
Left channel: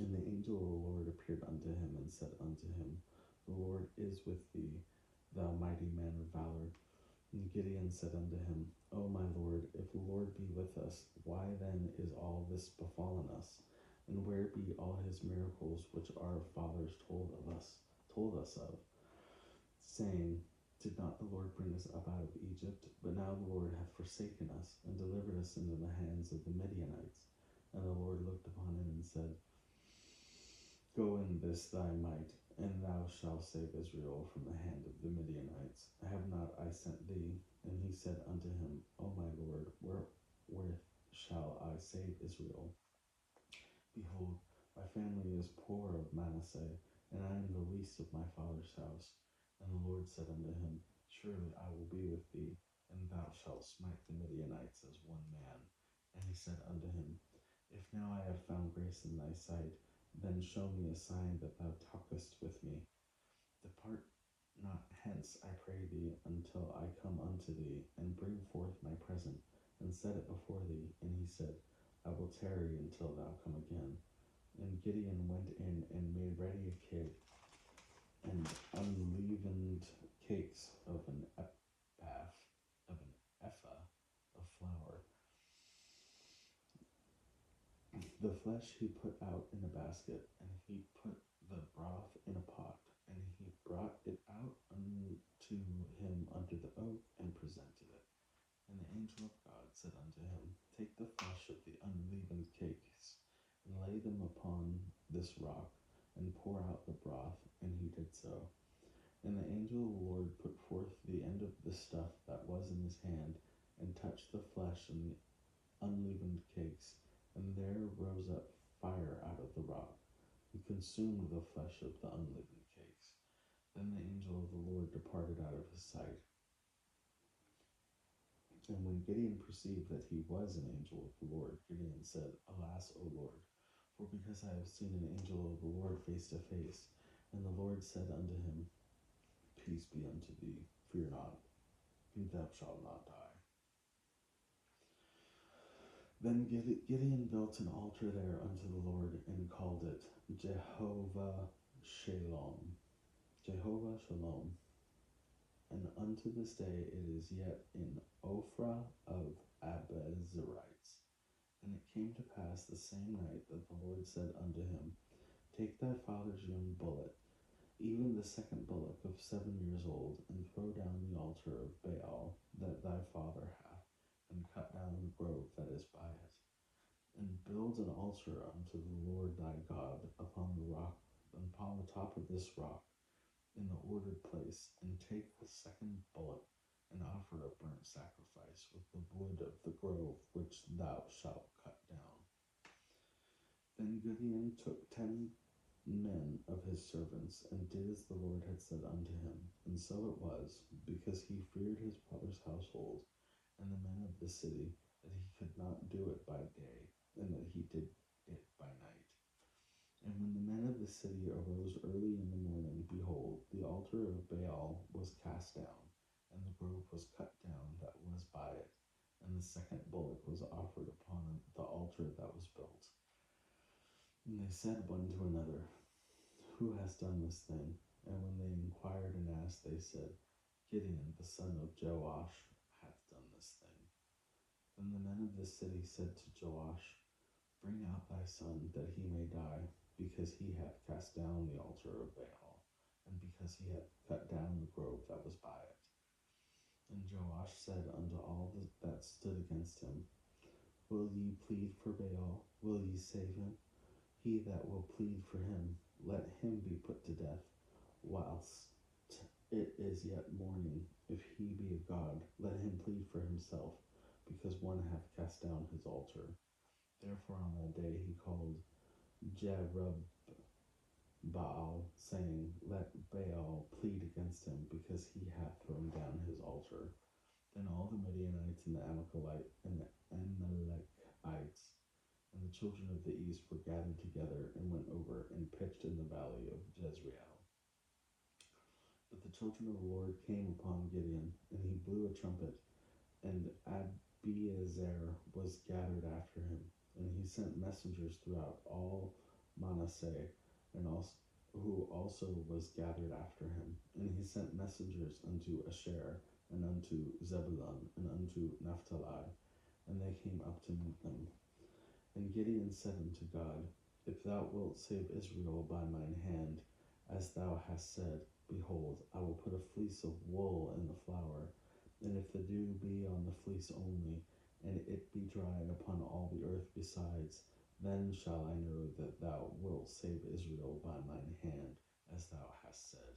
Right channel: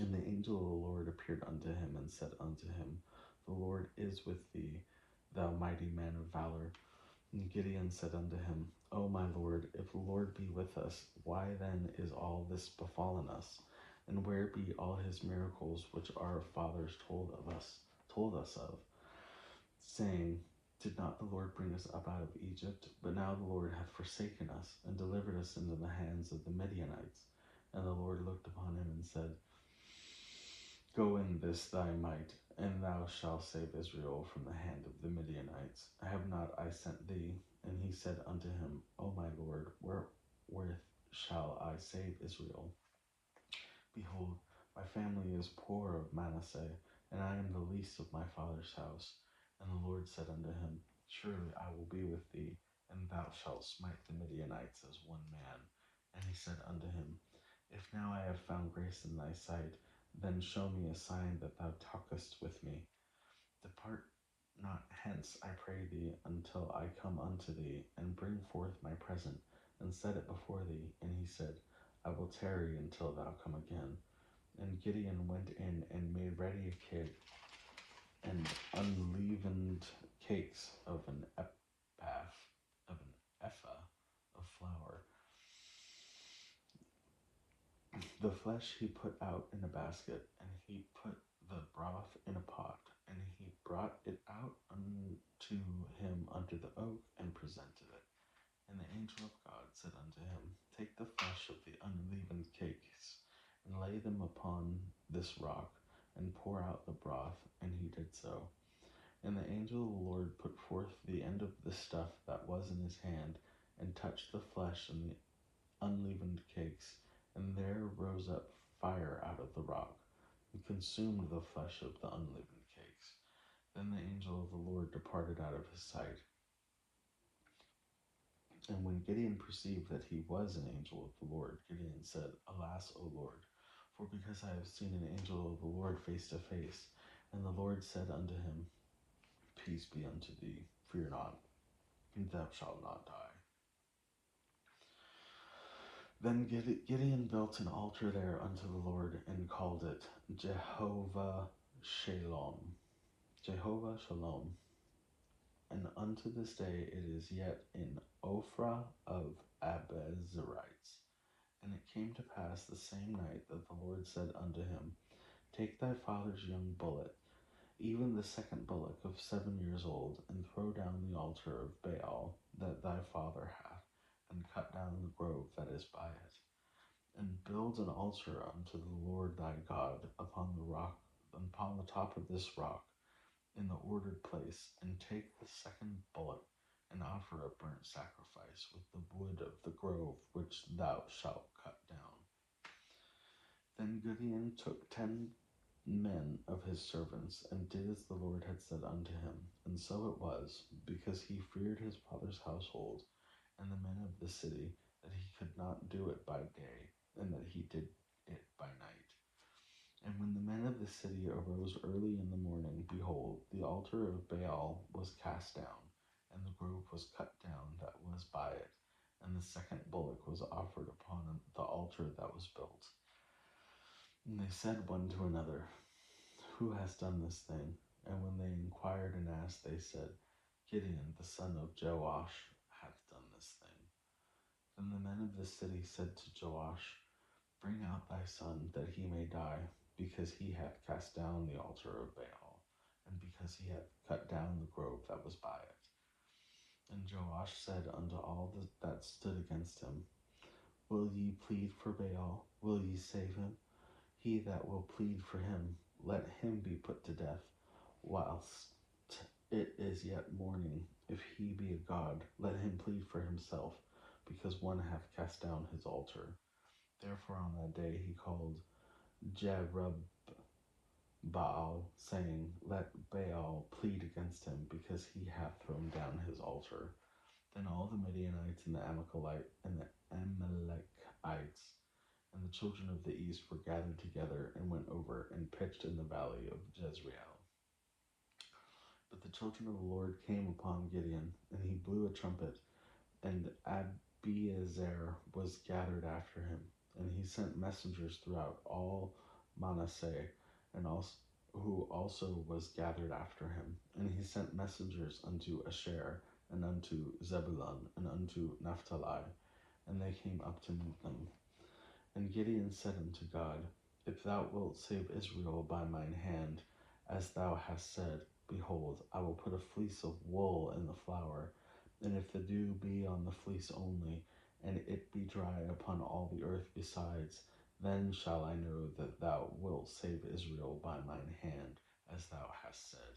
And the angel of the Lord appeared unto him, and said unto him, The Lord is with thee, thou mighty man of valor. And Gideon said unto him, O my Lord, if the Lord be with us, why then is all this befallen us? And where be all his miracles which our fathers told us of, saying, Did not the Lord bring us up out of Egypt? But now the Lord hath forsaken us, and delivered us into the hands of the Midianites. And the Lord looked upon him and said, Go in this thy might, and thou shalt save Israel from the hand of the Midianites. Have not I sent thee? And he said unto him, O my Lord, wherewith shall I save Israel? Behold, my family is poor of Manasseh, and I am the least of my father's house. And the Lord said unto him, Surely I will be with thee, and thou shalt smite the Midianites as one man. And he said unto him, If now I have found grace in thy sight, then show me a sign that thou talkest with me. Depart not hence, I pray thee, until I come unto thee, and bring forth my present, and set it before thee. And he said, I will tarry until thou come again. And Gideon went in and made ready a kid, and unleavened cakes of an ephah of flour. The flesh he put out in a basket, and he put the broth in a pot, and he brought it out unto him under the oak, and presented it. And the angel of God said unto him, Take the flesh of the unleavened cakes, and lay them upon this rock, and pour out the broth. And he did so. And the angel of the Lord put forth the end of the stuff that was in his hand, and touched the flesh and the unleavened cakes, and there rose up fire out of the rock, and consumed the flesh of the unleavened cakes. Then the angel of the Lord departed out of his sight. And when Gideon perceived that he was an angel of the Lord, Gideon said, Alas, O Lord, for because I have seen an angel of the Lord face to face. And the Lord said unto him, Peace be unto thee, fear not, thou shalt not die. Then Gideon built an altar there unto the Lord, and called it Jehovah Shalom. Jehovah Shalom. And unto this day it is yet in Ophrah of Abiezrites. And it came to pass the same night that the Lord said unto him, Take thy father's young bullock, even the second bullock of 7 years old, and throw down the altar of Baal that thy father hath, and cut down the grove that is by it. And build an altar unto the Lord thy God upon the rock, upon the top of this rock, in the ordered place, and take the second bullock, and offer a burnt sacrifice with the wood of the grove which thou shalt cut down. Then Gideon took 10 men of his servants, and did as the Lord had said unto him. And so it was, because he feared his father's household and the men of the city, that he could not do it by day, and that he did it by night. And when the men of the city arose early in the morning, behold, the altar of Baal was cast down, and the grove was cut down that was by it, and the second bullock was offered upon the altar that was built. And they said one to another, Who has done this thing? And when they inquired and asked, they said, Gideon, the son of Joash, hath done this thing. Then the men of the city said to Joash, Bring out thy son, that he may die, because he hath cast down the altar of Baal, and because he hath cut down the grove that was by it. And Joash said unto all that stood against him, Will ye plead for Baal? Will ye save him? He that will plead for him, let him be put to death, whilst it is yet morning. If he be a god, let him plead for himself, because one hath cast down his altar. Therefore on that day he called Jerubbaal, saying, Let Baal plead against him, because he hath thrown down his altar. Then all the Midianites and the Amalekites and the children of the east were gathered together, and went over and pitched in the valley of Jezreel. But the children of the Lord came upon Gideon, and he blew a trumpet, and Abiezer was gathered after him. And he sent messengers throughout all Manasseh, and also, who also was gathered after him. And he sent messengers unto Asher, and unto Zebulun, and unto Naphtali, and they came up to meet them. And Gideon said unto God, If thou wilt save Israel by mine hand, as thou hast said, behold, I will put a fleece of wool in the flour, and if the dew be on the fleece only, and it be dry upon all the earth besides, then shall I know that thou wilt save Israel by mine hand, as thou hast said.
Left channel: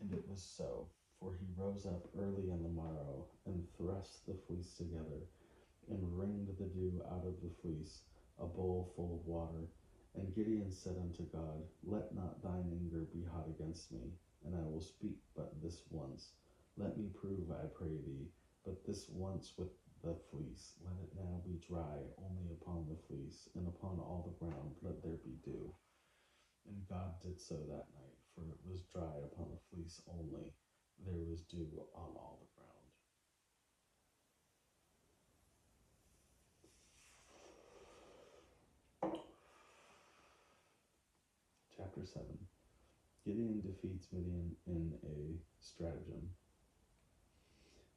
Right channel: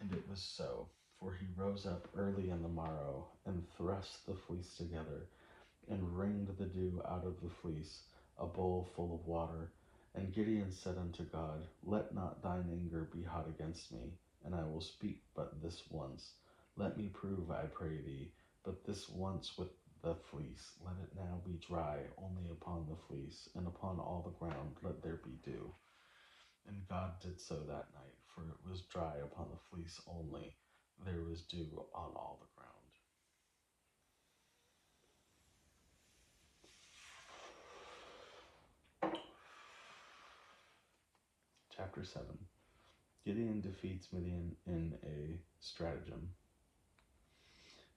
And it was so, for he rose up early in the morrow, and thrust the fleece together, and wringed the dew out of the fleece, a bowl full of water. And Gideon said unto God, Let not thine anger be hot against me, and I will speak but this once. Let me prove, I pray thee, but this once with the fleece. Let it now be dry only upon the fleece, and upon all the ground let there be dew. And God did so that night, for it was dry upon the fleece only. There was dew on all the ground. Chapter 7. Gideon defeats Midian in a stratagem.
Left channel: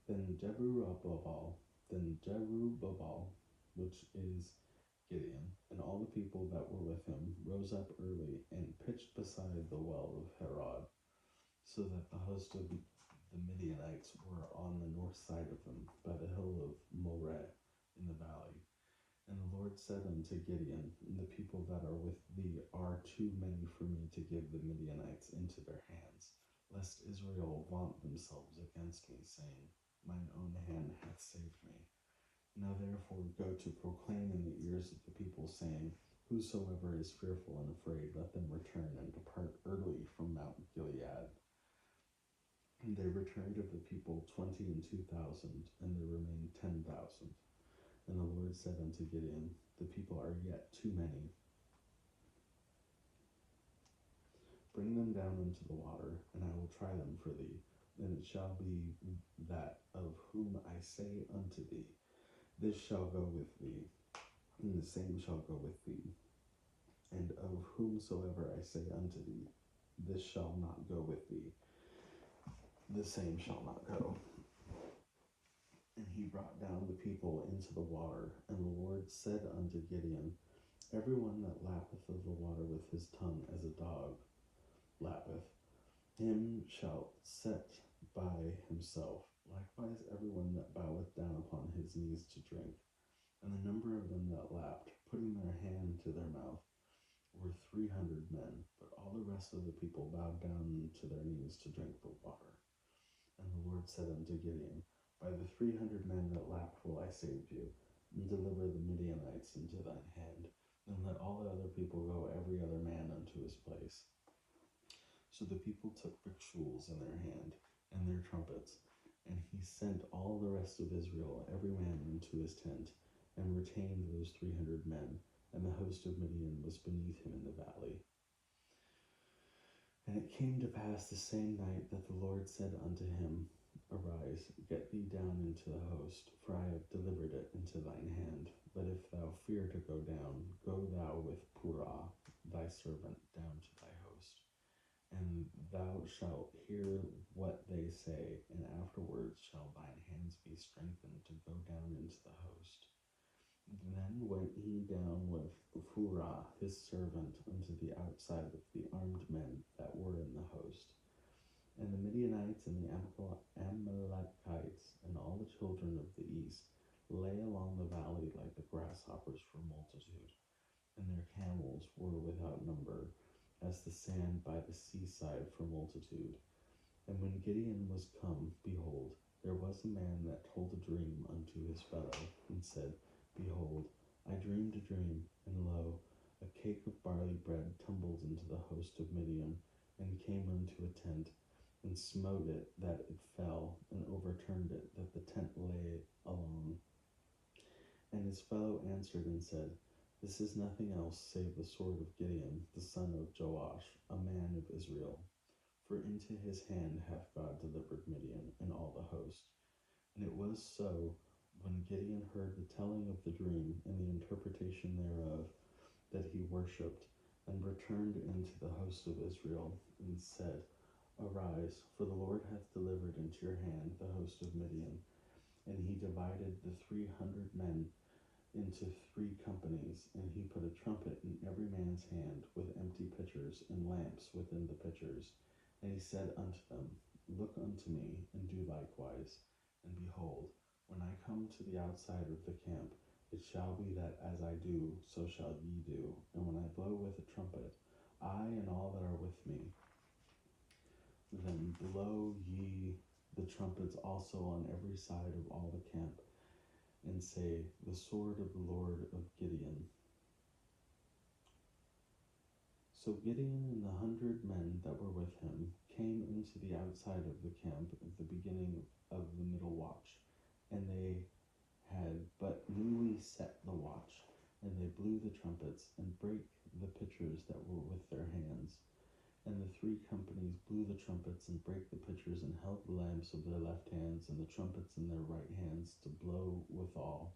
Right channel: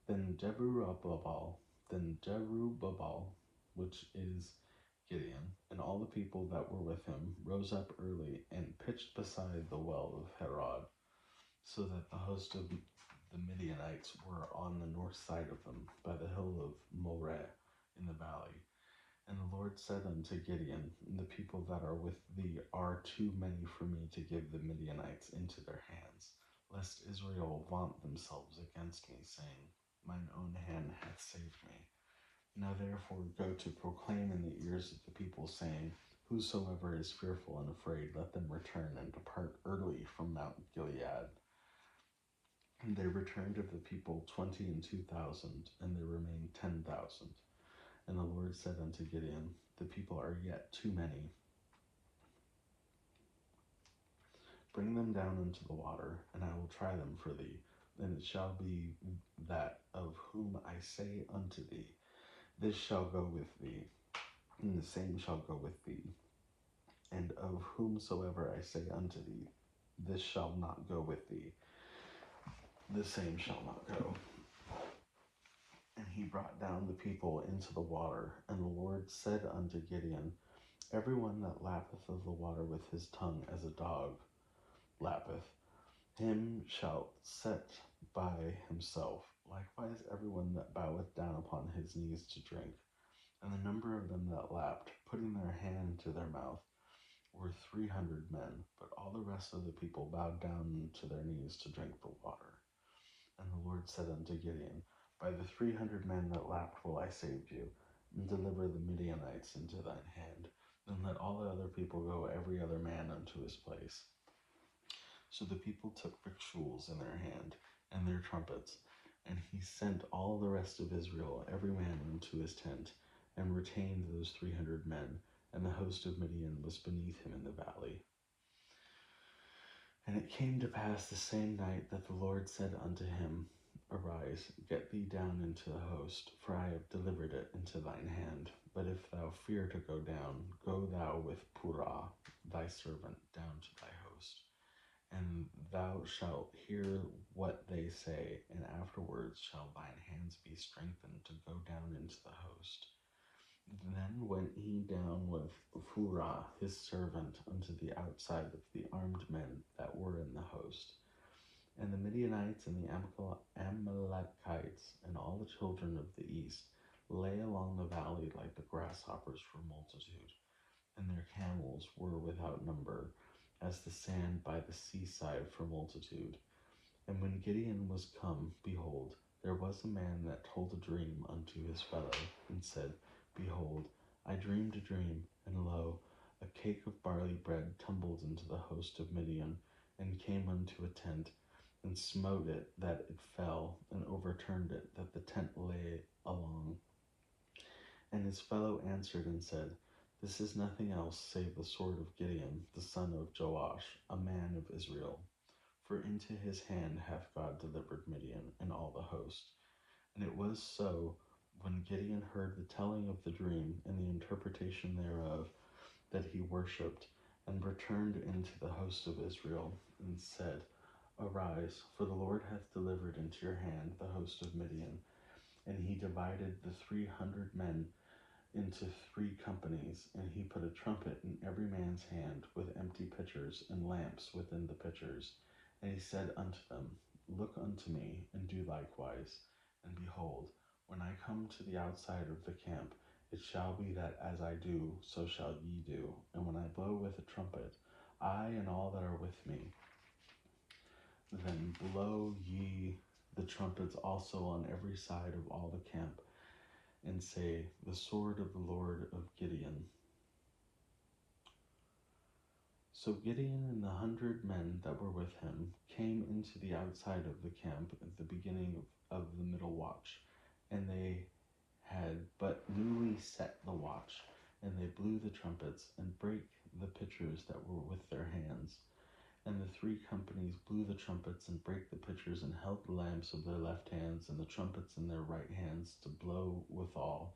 Then Jerubbaal, which is Gideon, and all the people that were with him, rose up early and pitched beside the well of Harod, so that the host of the Midianites were on the north side of them, by the hill of Moreh in the valley. And the Lord said unto Gideon, the people that are with thee are too many for me to give the Midianites into their hands, lest Israel vaunt themselves against me, saying, Mine own hand hath saved me. Now therefore go to proclaim in the ears of the people, saying, Whosoever is fearful and afraid, let them return and depart early from Mount Gilead. And they returned of the people 22,000, and there remained 10,000. And the Lord said unto Gideon, the people are yet too many. Bring them down into the water, and I will try them for thee. And it shall be that of whom I say unto thee, this shall go with thee, and the same shall go with thee. And of whomsoever I say unto thee, this shall not go with thee, the same shall not go. And he brought down the people into the water, and the Lord said unto Gideon, every one that lappeth of the water with his tongue as a dog lappeth, him shalt set by himself. Likewise everyone that boweth down upon his knees to drink. And the number of them that lapped, putting their hand to their mouth, were 300 men, but all the rest of the people bowed down to their knees to drink the water. And the Lord said unto Gideon, by the 300 men that lapped will I save you, and deliver the Midianites into thine hand. Then let all the other people go, every other man unto his place. So the people took victuals in their hand, and their trumpets, and he sent all the rest of Israel, every man into his tent, and retained those 300 men, and the host of Midian was beneath him in the valley. And it came to pass the same night that the Lord said unto him, arise, get thee down into the host, for I have delivered it into thine hand. But if thou fear to go down, go thou with Purah thy servant down to thy host. And thou shalt hear what they say, and afterwards shall thine hands be strengthened to go down into the host. Then went he down with Purah his servant unto the outside of the armed men that were in the host. And the Midianites and the Amalekites and all the children of the east lay along the valley like the grasshoppers for multitude, and their camels were without number, as the sand by the seaside for multitude. And when Gideon was come, behold, there was a man that told a dream unto his fellow, and said, behold, I dreamed a dream, and lo, a cake of barley bread tumbled into the host of Midian, and came unto a tent, and smote it that it fell, and overturned it that the tent lay along. And his fellow answered and said, this is nothing else save the sword of Gideon, the son of Joash, a man of Israel. For into his hand hath God delivered Midian and all the host. And it was so, when Gideon heard the telling of the dream and the interpretation thereof, that he worshipped, and returned into the host of Israel, and said, arise, for the Lord hath delivered into your hand the host of Midian. And he divided the 300 men into 3 companies, and he put a trumpet in every man's hand, with empty pitchers and lamps within the pitchers. And he said unto them, look unto me, and do likewise. And behold, when I come to the outside of the camp, it shall be that as I do, so shall ye do. And when I blow with a trumpet, I and all that are with me, then blow ye the trumpets also on every side of all the camp, and say, the sword of the Lord of Gideon. So Gideon and the 100 men that were with him came into the outside of the camp at the beginning of the middle watch, and they set the watch, and they blew the trumpets, and brake the pitchers that were with their hands. And the 3 companies blew the trumpets, and brake the pitchers, and held the lamps of their left hands, and the trumpets in their right hands, to blow withal.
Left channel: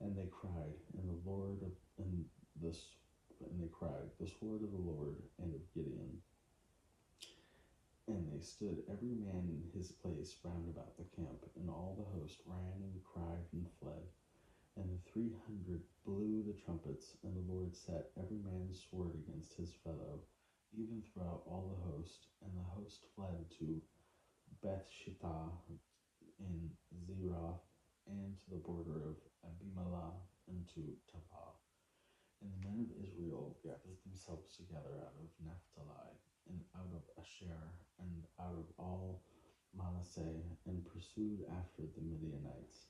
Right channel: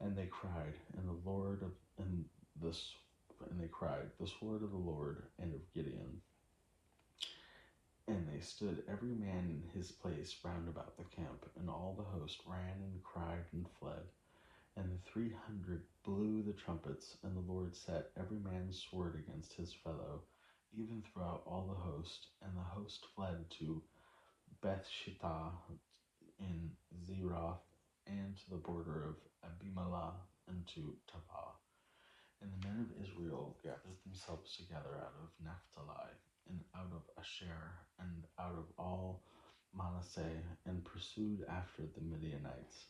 And they cried, and the sword of the Lord and of Gideon. And they stood every man in his place round about the camp, and all the host ran and cried and fled. And the 300 blew the trumpets, and the Lord set every man's sword against his fellow, even throughout all the host. And the host fled to Bethshittah in Zeroth, and to the border of Abimalah, and to Tabah. And the men of Israel gathered themselves together out of Naphtali, and out of Asher, and out of all Manasseh, and pursued after the Midianites.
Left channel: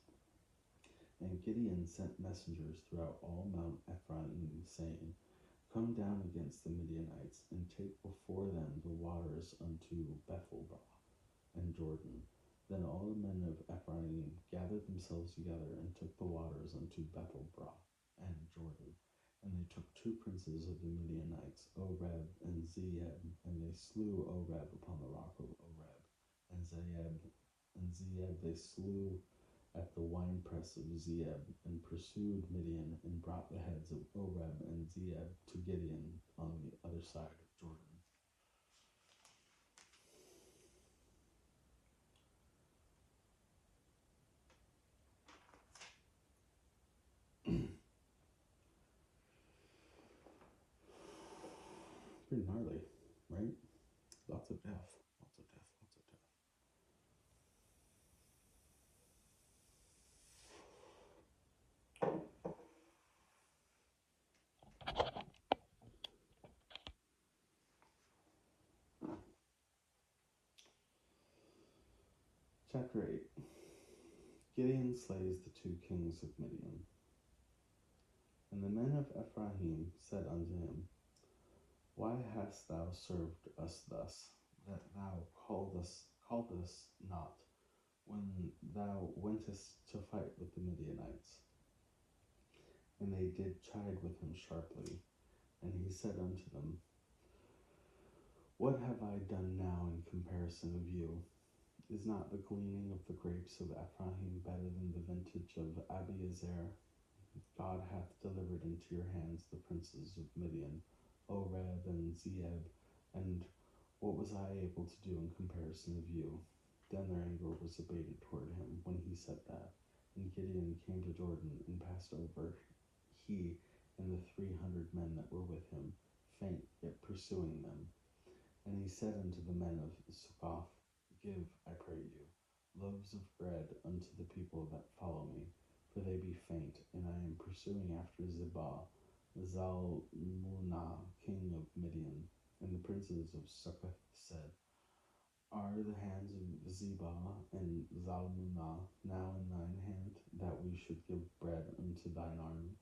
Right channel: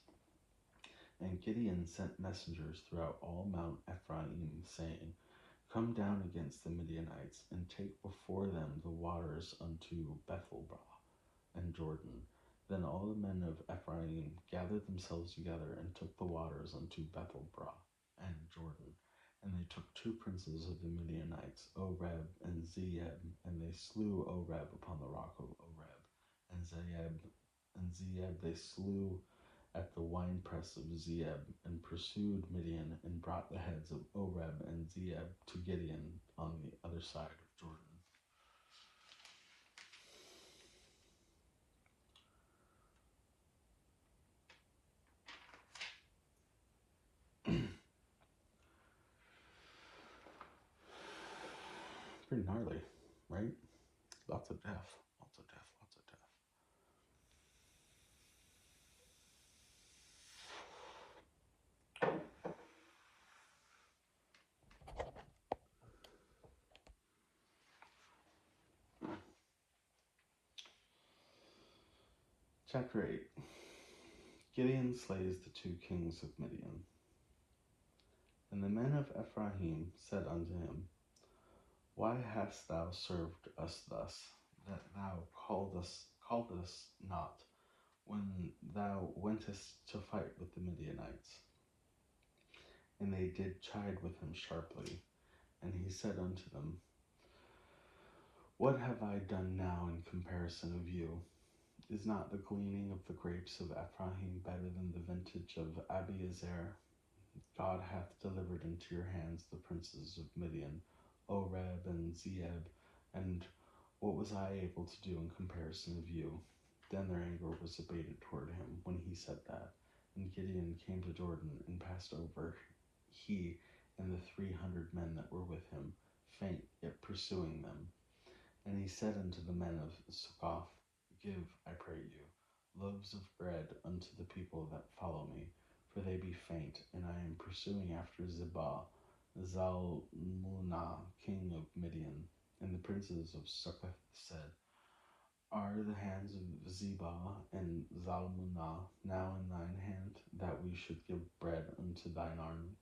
And Gideon sent messengers throughout all Mount Ephraim, saying, Come down against the Midianites, and take before them the waters unto Bethelbah and Jordan. Then all the men of Ephraim gathered themselves together, and took the waters unto Bethelbah and Jordan. And they took 2 princes of the Midianites, Oreb and Zeeb, and they slew Oreb upon the rock of Oreb, and Zeeb they slew at the winepress of Zeeb, and pursued Midian, and brought the heads of Oreb and Zeeb to Gideon on the other side of Jordan. Pretty gnarly, right? Lots of death, lots of death, lots of death. Chapter 8. Gideon slays the 2 kings of Midian. And the men of Ephraim said unto him, Why hast thou served us thus, that thou calledest not, when thou wentest to fight with the Midianites? And they did chide with him sharply. And he said unto them, What have I done now in comparison of you? Is not the gleaning of the grapes of Ephraim better than the vintage of Abiezer? God hath delivered into your hands the princes of Midian, Oreb and Zeeb, and what was I able to do in comparison of you? Then their anger was abated toward him when he said that. And Gideon came to Jordan, and passed over, he and the 300 men that were with him, faint yet pursuing them. And he said unto the men of Succoth, Give, I pray you, loaves of bread unto the people that follow me, for they be faint, and I am pursuing after Zebah, Zalmunna, king of Midian. And the princes of Succoth said, Are the hands of Zebah and Zalmunna now in thine hand, that we should give bread unto thine army?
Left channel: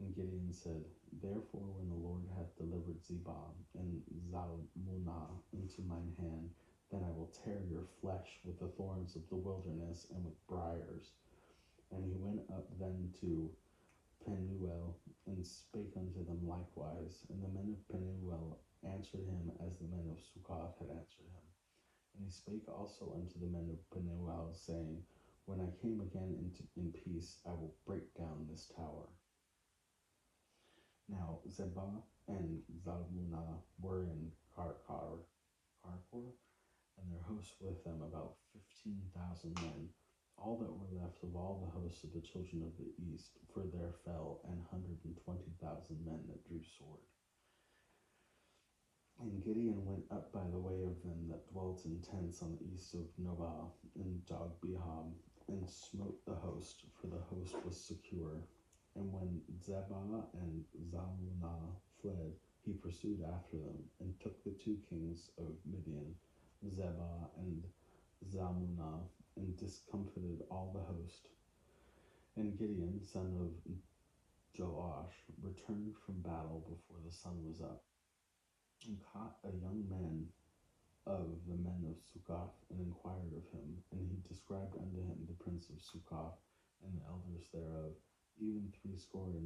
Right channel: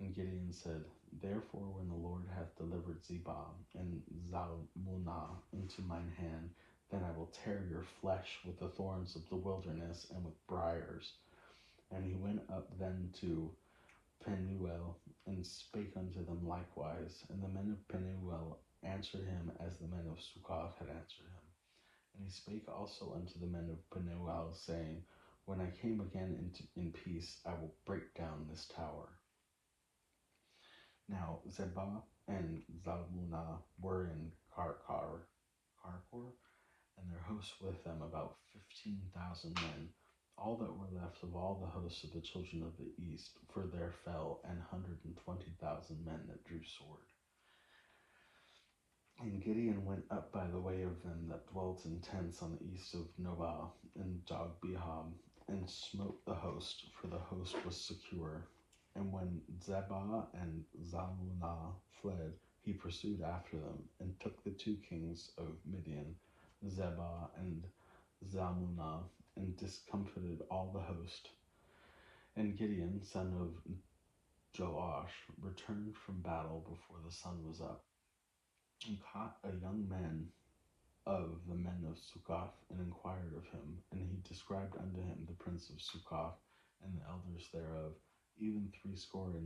And Gideon said, Therefore when the Lord hath delivered Zebah and Zalmunna into mine hand, then I will tear your flesh with the thorns of the wilderness and with briars. And he went up then to Penuel, and spake unto them likewise. And the men of Penuel answered him as the men of Succoth had answered him. And he spake also unto the men of Penuel, saying, When I came again in peace, I will break down this tower. Now Zebah and Zalmunna were in Karkor, and their hosts with them about 15,000 men, all that were left of all the hosts of the children of the east, for there fell 120,000 men that drew sword. And Gideon went up by the way of them that dwelt in tents on the east of Nobah and Jogbehab, and smote the host, for the host was secure. And when Zebah and Zalmunna fled, he pursued after them, and took the 2 kings of Midian, Zebah and Zalmunna, and discomfited all the host. And Gideon, son of Joash, returned from battle before the sun was up, and caught a young man of the men of Succoth, and inquired of him. And he described unto him the prince of Succoth, and the elders thereof, even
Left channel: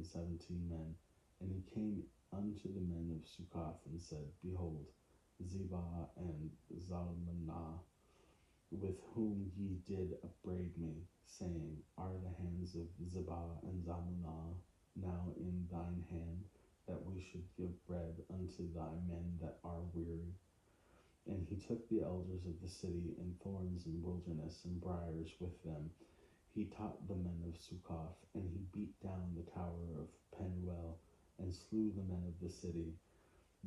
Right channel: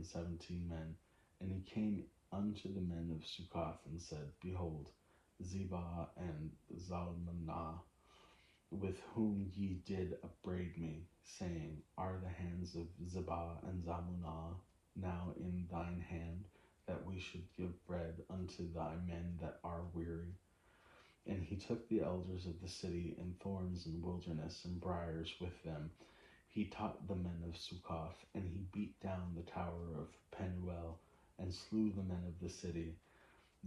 70 men. And he came unto the men of Succoth and said, Behold, Zebah and Zalmunna, with whom ye did upbraid me, saying, Are the hands of Zebah and Zalmunna now in thine hand, that we should give bread unto thy men that are weary? And he took the elders of the city, and thorns and wilderness and briars with them. He taught the men of Succoth, and he beat down the tower of Penuel, and slew the men of the city.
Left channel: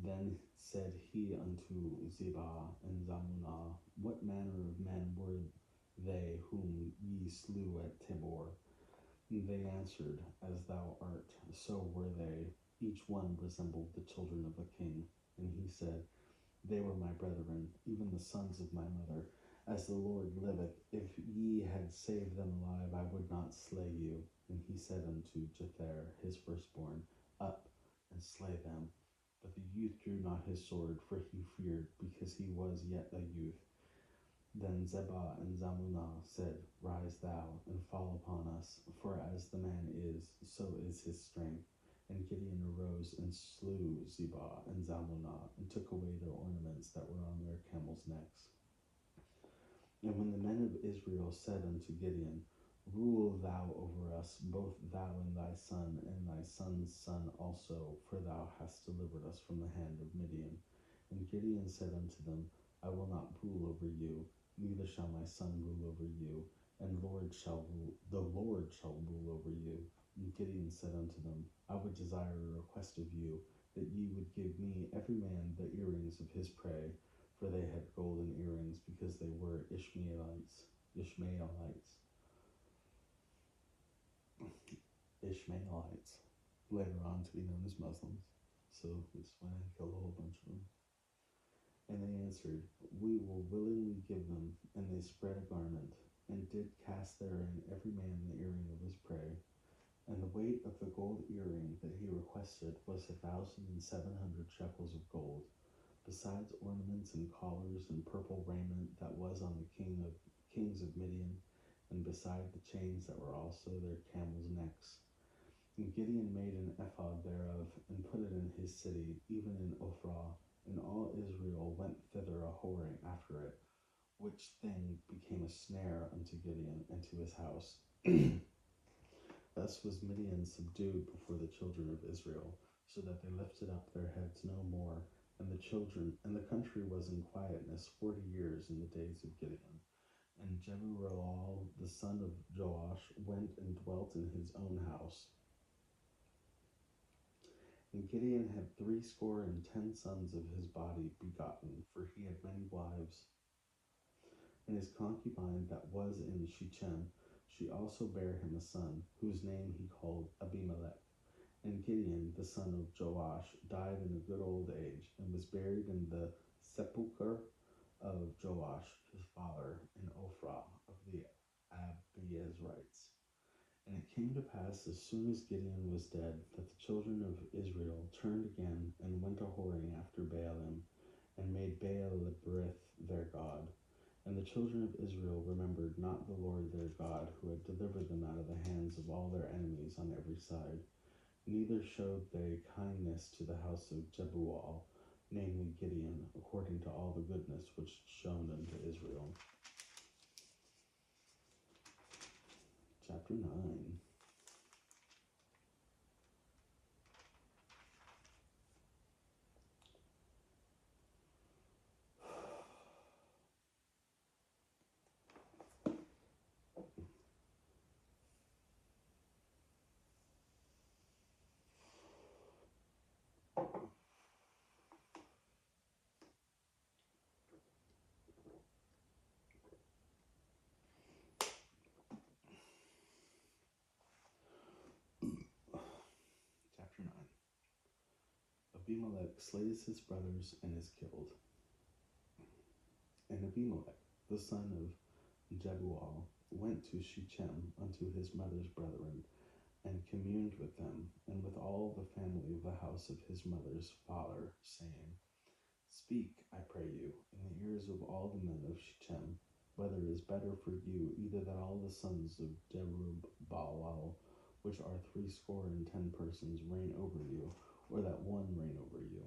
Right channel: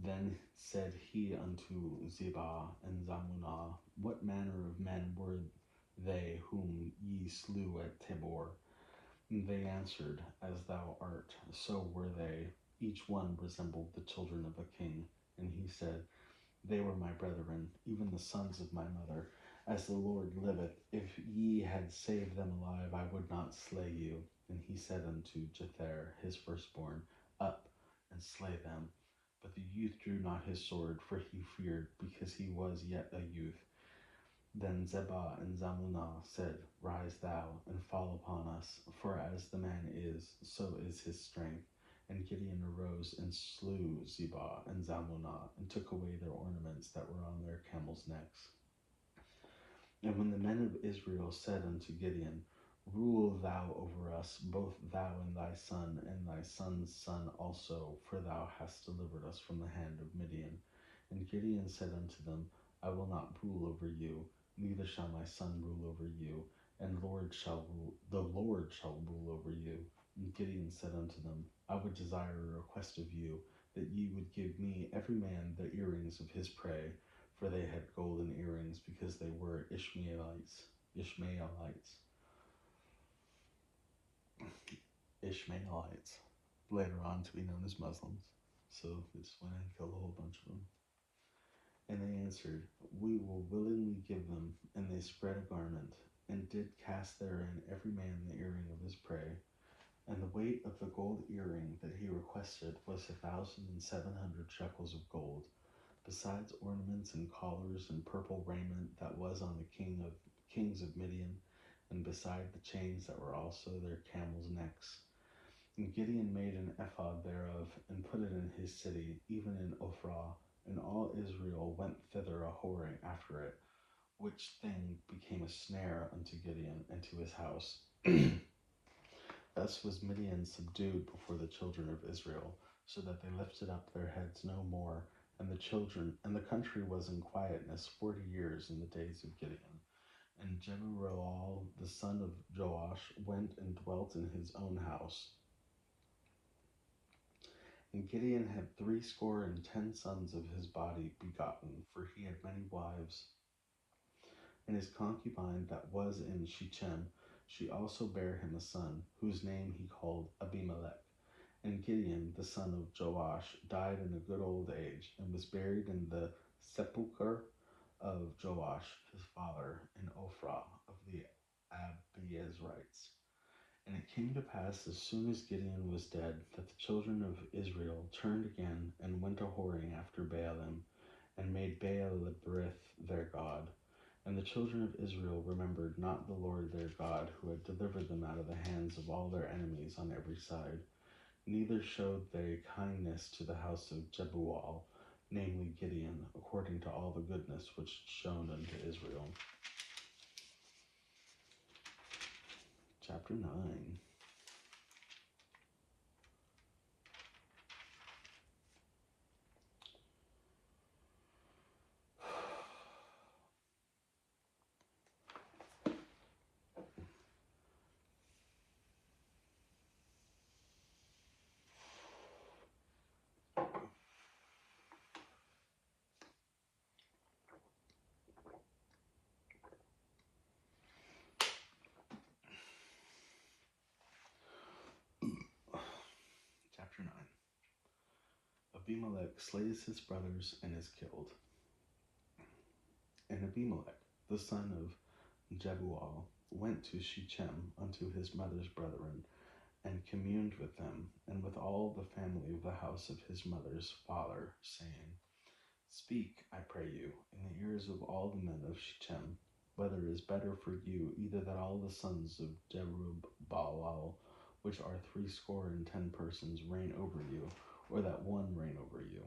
Then said he unto Zebah and Zalmunna, What manner of men were they whom ye slew at Tabor? And they answered, As thou art, so were they. Each one resembled the children of a king. And he said, They were my brethren, even the sons of my mother. As the Lord liveth, if ye had saved them alive, I would not slay you. And he said unto Jether, his firstborn, Up, and slay them. But the youth drew not his sword, for he feared, because he was yet a youth. Then Zebah and Zalmunna said, Rise thou, and fall upon us, for as the man is, so is his strength. And Gideon arose and slew Zebah and Zalmunna, and took away their ornaments that were on their camels' necks. And when the men of Israel said unto Gideon, Rule thou over us, both thou and thy son also, for thou hast delivered us from the hand of Midian. And Gideon said unto them, I will not rule over you, neither shall my son rule over you, and the Lord shall rule over you. And Gideon said unto them, I would desire a request of you, that ye would give me every man the earrings of his prey, for they had golden earrings, because they were Ishmaelites, later on to be known as Muslims. So they just went and killed a whole bunch of them. And they answered, We will willingly give them. And they spread a garment, and did cast therein every man the earring of his prey. And the weight of the gold earring that he requested was 1,700 shekels of gold, besides ornaments and collars and purple raiment that was on the kings of Midian, and beside the chains that were also their camels' necks. And Gideon made an ephod thereof, and put it in his city, even in Ophrah, and all Israel went thither a whoring after it, which thing became a snare unto Gideon and to his house. Thus was Midian subdued before the children of Israel, so that they lifted up their heads no more. And the country was in quietness 40 years in the days of Gideon. And Jeruel the son of Joash went and dwelt in his own house. And Gideon had 70 sons of his body begotten, for he had many wives. And his concubine that was in Shechem, she also bare him a son, whose name he called Abimelech. And Gideon, the son of Joash, died in a good old age, and was buried in the sepulchre of Joash his father in Ophrah of the Abiezrites. And it came to pass, as soon as Gideon was dead, that the children of Israel turned again, and went a whoring after Baalim, and made Baal-berith their god. And the children of Israel remembered not the Lord their God, who had delivered them out of the hands of all their enemies on every side. Neither showed they kindness to the house of Jebuel, namely Gideon, according to all the goodness which shown unto Israel. Chapter 9. Chapter 9. Abimelech slays his brothers and is killed. And Abimelech, the son of Jebuel, went to Shechem unto his mother's brethren, and communed with them, and with all the family of the house of his mother's father, saying, Speak, I pray you, in the ears of all the men of Shechem, whether it is better for you either that all the sons of Jerubbaal which are 70 persons, reign over you, or that one reign over you.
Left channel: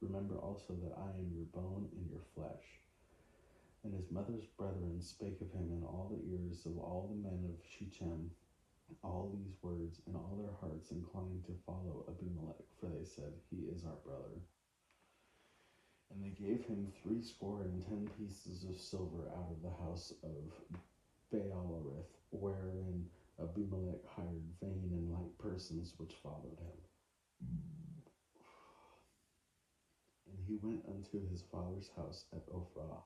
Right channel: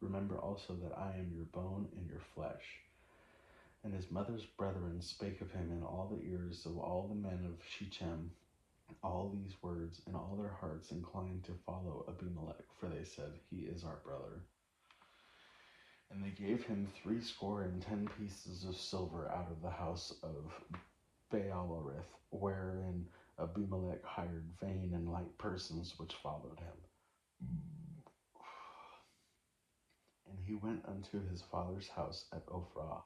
Remember also that I am your bone and your flesh. And his mother's brethren spake of him in all the ears of all the men of Shechem all these words, and all their hearts inclined to follow Abimelech, for they said, He is our brother. And they gave him 70 pieces of silver out of the house of Baalarith, wherein Abimelech hired vain and light persons which followed him. And he went unto his father's house at Ophrah,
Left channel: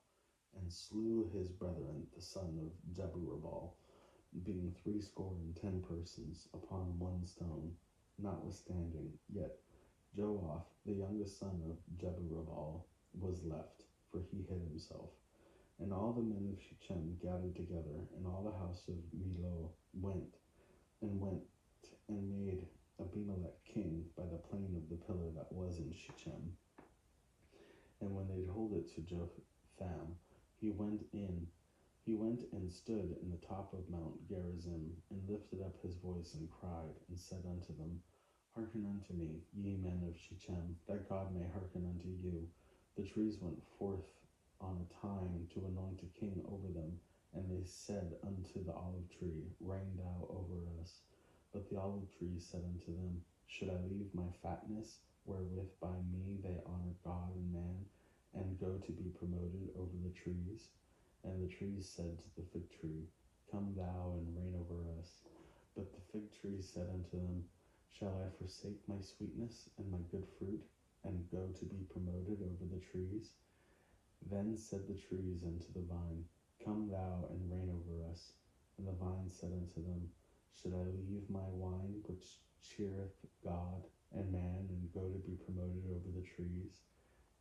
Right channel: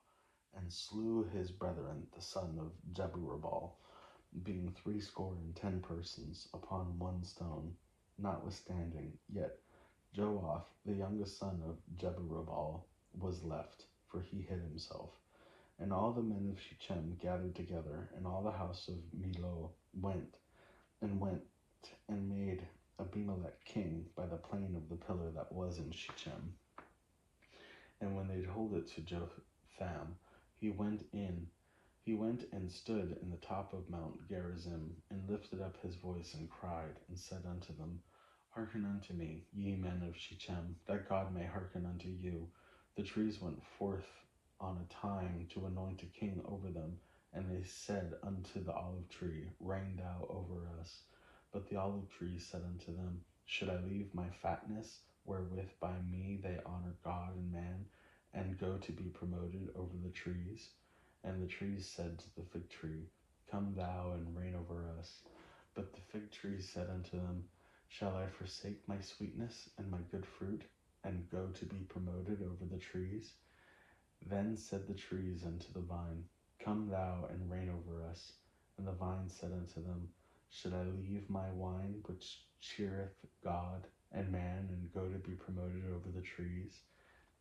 and slew his brethren, the son of Jebubal, being 70 persons, upon one stone. Notwithstanding, yet Joash, the youngest son of Jebubal, was left, for he hid himself. And all the men of Shechem gathered together, and all the house of Millo went and made Abimelech king by the plain of the pillar that was in Shechem. And when they told it to Jotham, he went and stood in the top of Mount Gerizim, and lifted up his voice, and cried, and said unto them, Hearken unto me, ye men of Shechem, that God may hearken unto you. The trees went forth on a time to anoint a king over them, and they said unto the olive tree, Reign thou over us. But the olive tree said unto them, Should I leave my fatness, wherewith by me they honor God and man, and go to be promoted over the trees? And the trees said to the fig tree, Come thou and reign over us. But the fig tree said unto them, Shall I forsake my sweetness and my good fruit, and go to be promoted over the trees? Then said the trees unto the vine, Come thou and reign over us. And the vine said unto them, Should I leave my wine, which cheereth God and man, and go to be promoted over the trees?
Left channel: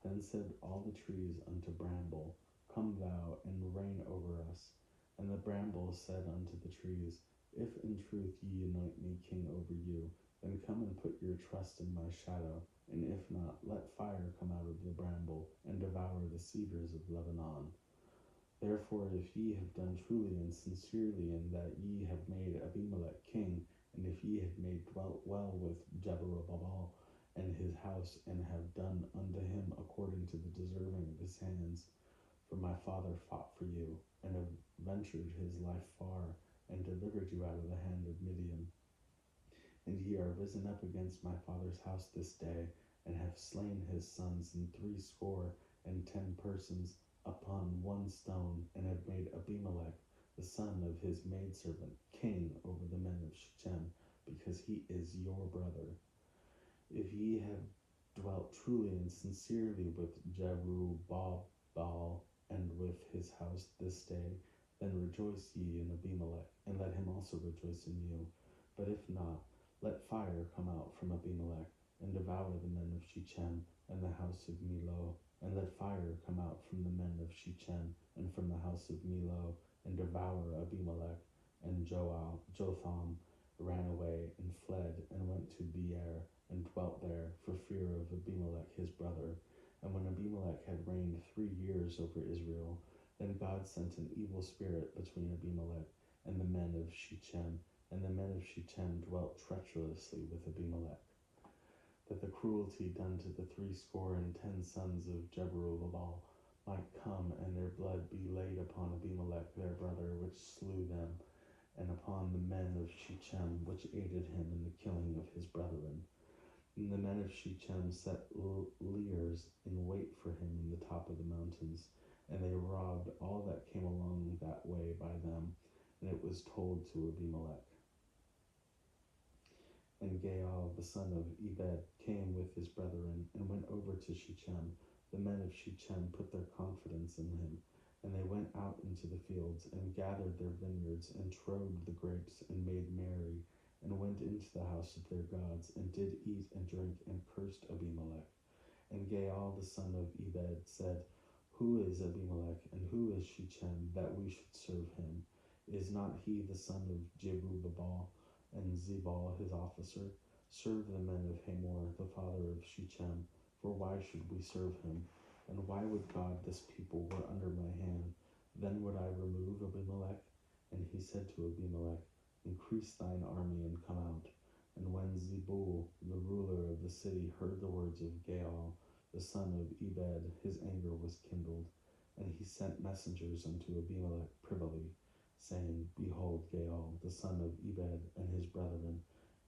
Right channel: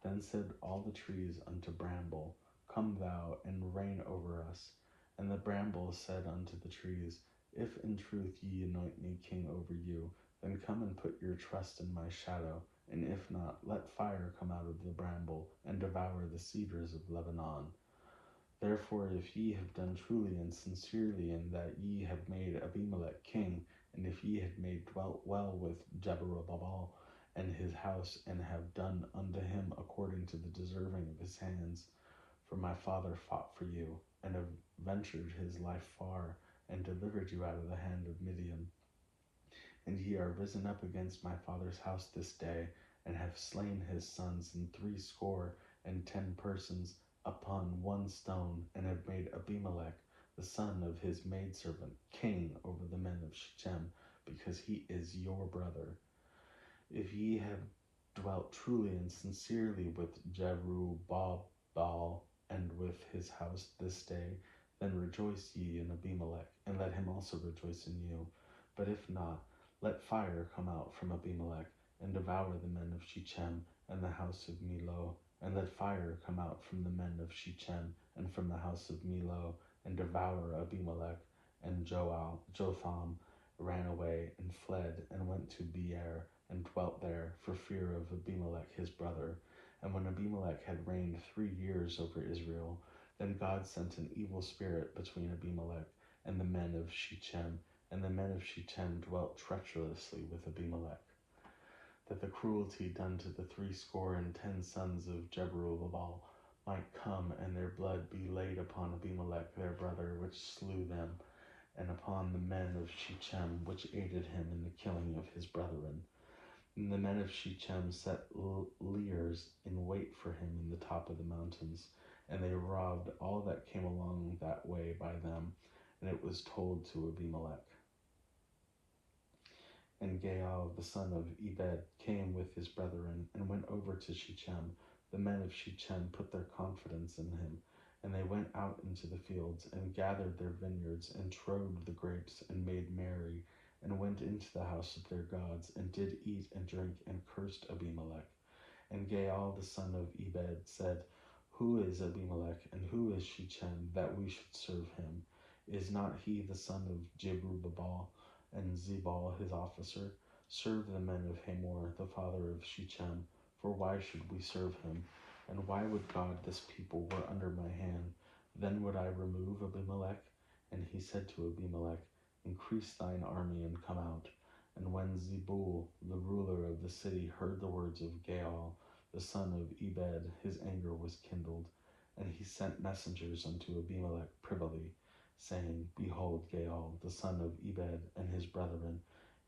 Then said all the trees unto bramble, Come thou and reign over us. And the bramble said unto the trees, If in truth ye anoint me king over you, then come and put your trust in my shadow, and if not, let fire come out of the bramble, and devour the cedars of Lebanon. Therefore, if ye have done truly and sincerely, in that ye have made Abimelech king, and if ye have made dwelt well with Jebubal and his house, and have done unto him according to the deserving of his hands, for my father fought for you, and have ventured his life far, and delivered you out of the hand of Midian. And ye are risen up against my father's house this day, and have slain his sons in 70 persons upon one stone, and have made Abimelech, the son of his maidservant, king over the men of Shechem, because he is your brother. If ye have dwelt truly and sincerely with Jerubbaal and with his house this day, then rejoice ye in Abimelech, and let him also rejoice in you. But if not, let fire come out from Abimelech, and devour the men of Shechem and the house of Millo. And let fire come out from the men of Shechem and from the house of Millo, and devour Abimelech. And Jotham ran away and fled, and went to Beer, and dwelt there, for fear of Abimelech his brother. And when Abimelech had reigned 3 years over Israel, then God sent an evil spirit between Abimelech and the men of Shechem, and the men of Shechem dwelt treacherously with Abimelech, that the cruelty done to the 70 sons of Jerubbaal might come, and their blood be laid upon Abimelech their brother, which slew them, and upon the men of Shechem, which aided him in the killing of his brethren. And the men of Shechem set liers in wait for him in the top of the mountains, and they robbed all that came along that way by them, and it was told to Abimelech. And Gaal, the son of Ebed, came with his brethren, and went over to Shechem. The men of Shechem put their confidence in him, and they went out into the fields, and gathered their vineyards, and trode the grapes, and made merry, and went into the house of their gods, and did eat and drink, and cursed Abimelech. And Gaal, the son of Ebed, said, Who is Abimelech, and who is Shechem, that we should serve him? Is not he the son of Jerubbaal, and Zebul his officer? Serve the men of Hamor, the father of Shechem, for why should we serve him? And why would God this people were under my hand? Then would I remove Abimelech? And he said to Abimelech, Increase thine army and come out. when Zebul, the ruler of the city, heard the words of Gaal, the son of Ebed, his anger was kindled, and he sent messengers unto Abimelech privily, saying, Behold, Gaal, the son of Ebed, and his brethren,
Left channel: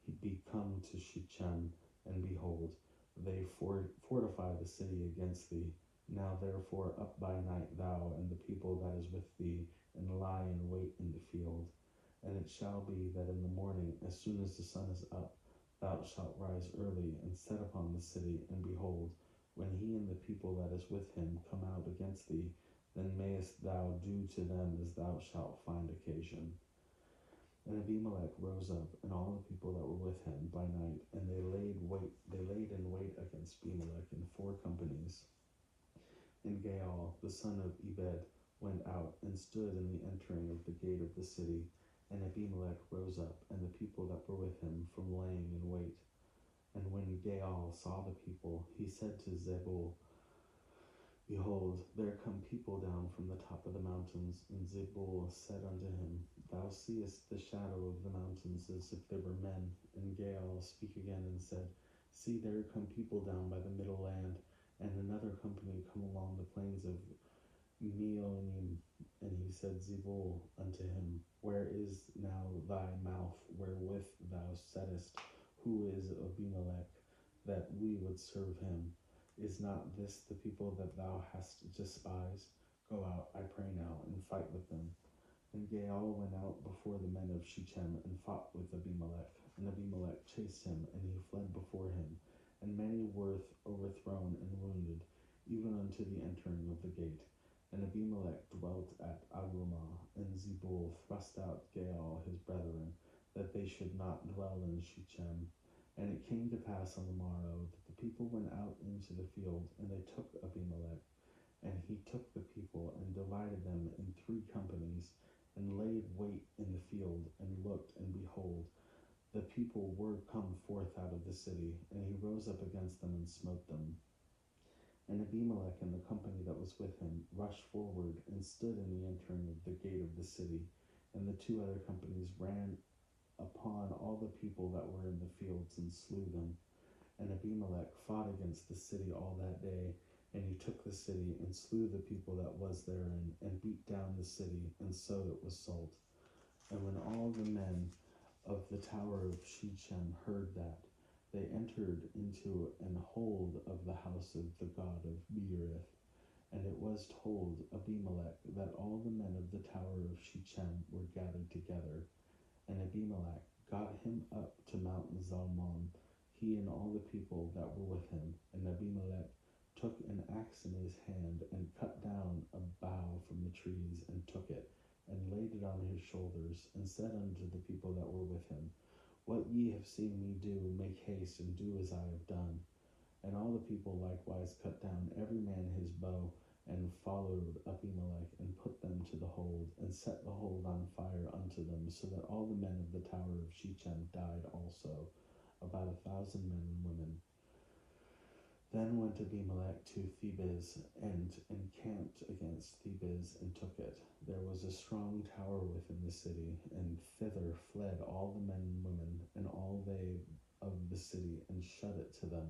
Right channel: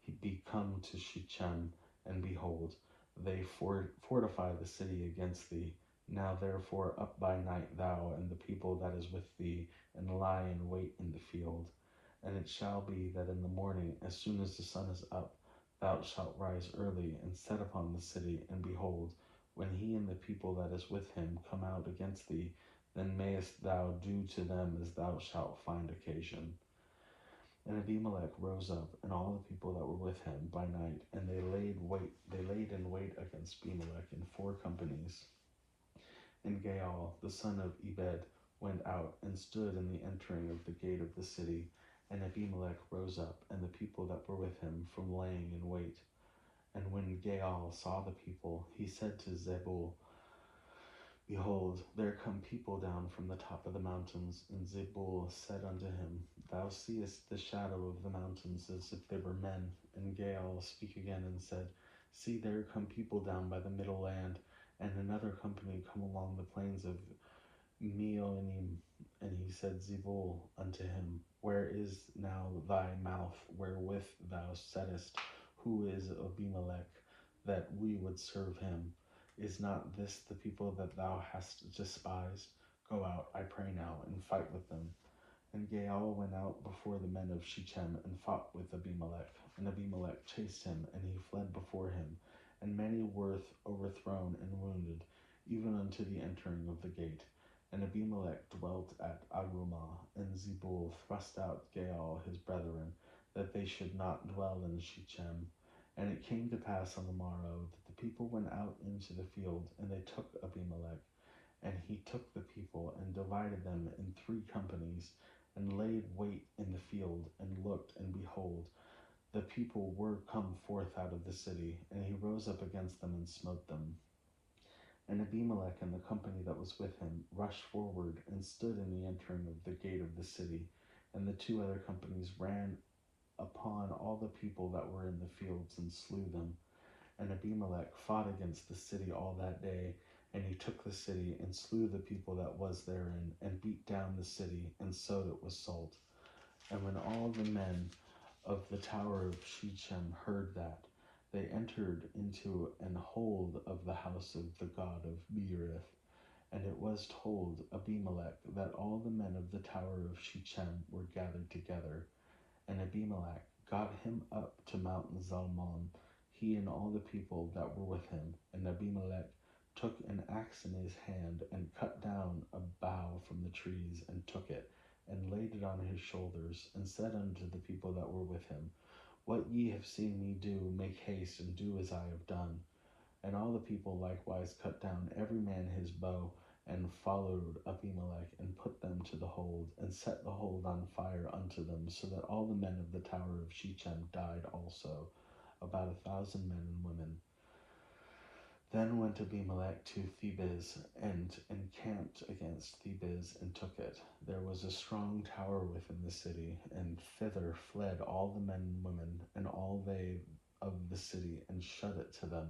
he be come to Shechem, and behold, they fortify the city against thee. Now therefore up by night thou and the people that is with thee, and lie in wait in the field. And it shall be that in the morning, as soon as the sun is up, thou shalt rise early, and set upon the city, and behold, when he and the people that is with him come out against thee, then mayest thou do to them as thou shalt find occasion. And Abimelech rose up, and all the people that were with him by night, and they laid in wait against Abimelech in 4 companies. And Gaal, the son of Ebed, went out and stood in the entering of the gate of the city. And Abimelech rose up, and the people that were with him, from laying in wait. And when Gaal saw the people, he said to Zebul, Behold, there come people down from the top of the mountains. And Zebul said unto him, Thou seest the shadow of the mountains as if they were men. And Gaal spake again and said, See, there come people down by the middle land, and another company come along the plains of Meonim. And he said, Zebul unto him, Where is now thy mouth wherewith thou saidst, Who is Abimelech, that we would serve him? Is not this the people that thou hast despised? Go out, I pray now, and fight with them. And Gaal went out before the men of Shechem, and fought with Abimelech. And Abimelech chased him, and he fled before him. And many were overthrown and wounded, even unto the entering of the gate. And Abimelech dwelt at Arumah, and Zebul thrust out Gaal his brethren, that they should not dwell in Shechem. And it came to pass on the morrow that the people went out into the field, and they took Abimelech. And he took the people, and divided them in 3 companies, and laid wait in the field, and looked, and behold, the people were come forth out of the city, and he rose up against them and smote them. And Abimelech and the company that was with him rushed forward, and stood in the entering of the gate of the city. And the 2 other companies ran upon all the people that were in the fields, and slew them. And Abimelech fought against the city all that day, and he took the city, and slew the people that was therein, and beat down the city, and sowed it with salt. And when all the men of the tower of Shechem heard that, they entered into an hold of the house of the god of Beerith. And it was told Abimelech that all the men of the tower of Shechem were gathered together. And Abimelech got him up to Mount Zalmon, he and all the people that were with him. And Abimelech took an axe in his hand, and cut down a bough from the trees, and took it, and laid it on his shoulders, and said unto the people that were with him, What ye have seen me do, make haste, and do as I have done. And all the people likewise cut down every man his bow, and followed Abimelech, and put them to the hold, and set the hold on fire unto them, so that all the men of the tower of Shechem died also, about 1,000 men and women. Then went Abimelech to Thebez, and encamped against Thebez, and took it. There was a strong tower within the city, and thither fled all the men and women, and all they of the city, and shut it to them,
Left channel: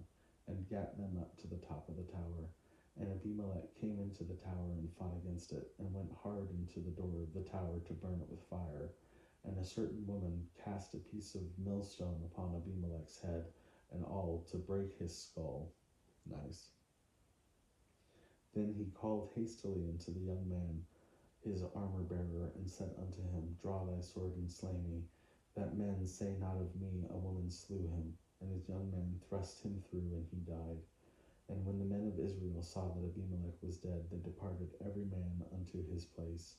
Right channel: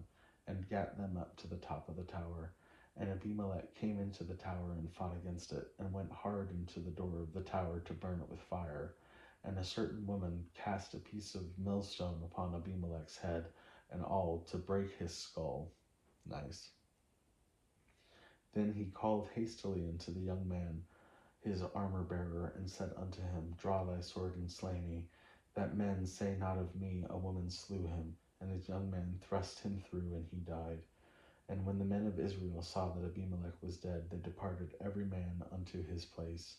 and gat them up to the top of the tower. And Abimelech came into the tower, and fought against it, and went hard into the door of the tower to burn it with fire. And a certain woman cast a piece of millstone upon Abimelech's head, and all to break his skull. Nice. Then he called hastily unto the young man, his armor-bearer, and said unto him, Draw thy sword, and slay me, that men say not of me, A woman slew him. And his young man thrust him through, and he died. And when the men of Israel saw that Abimelech was dead, they departed every man unto his place.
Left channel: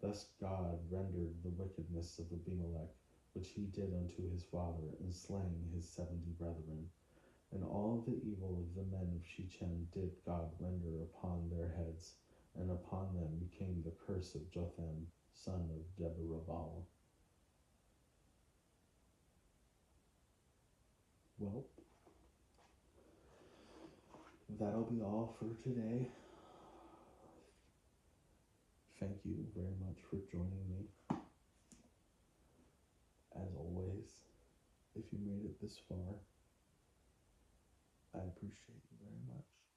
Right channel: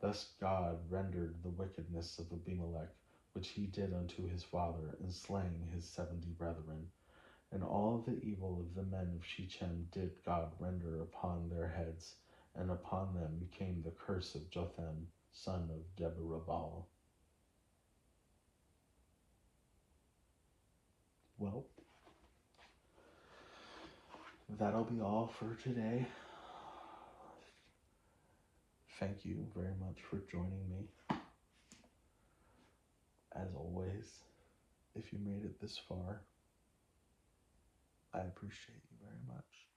Thus God rendered the wickedness of Abimelech, which he did unto his father, in slaying his 70 brethren. And all the evil of the men of Shechem did God render upon their heads, and upon them came the curse of Jotham, son of Jerubbaal. Well, that'll be all for today. Thank you very much for joining me. As always, if you made it this far, I appreciate you very much.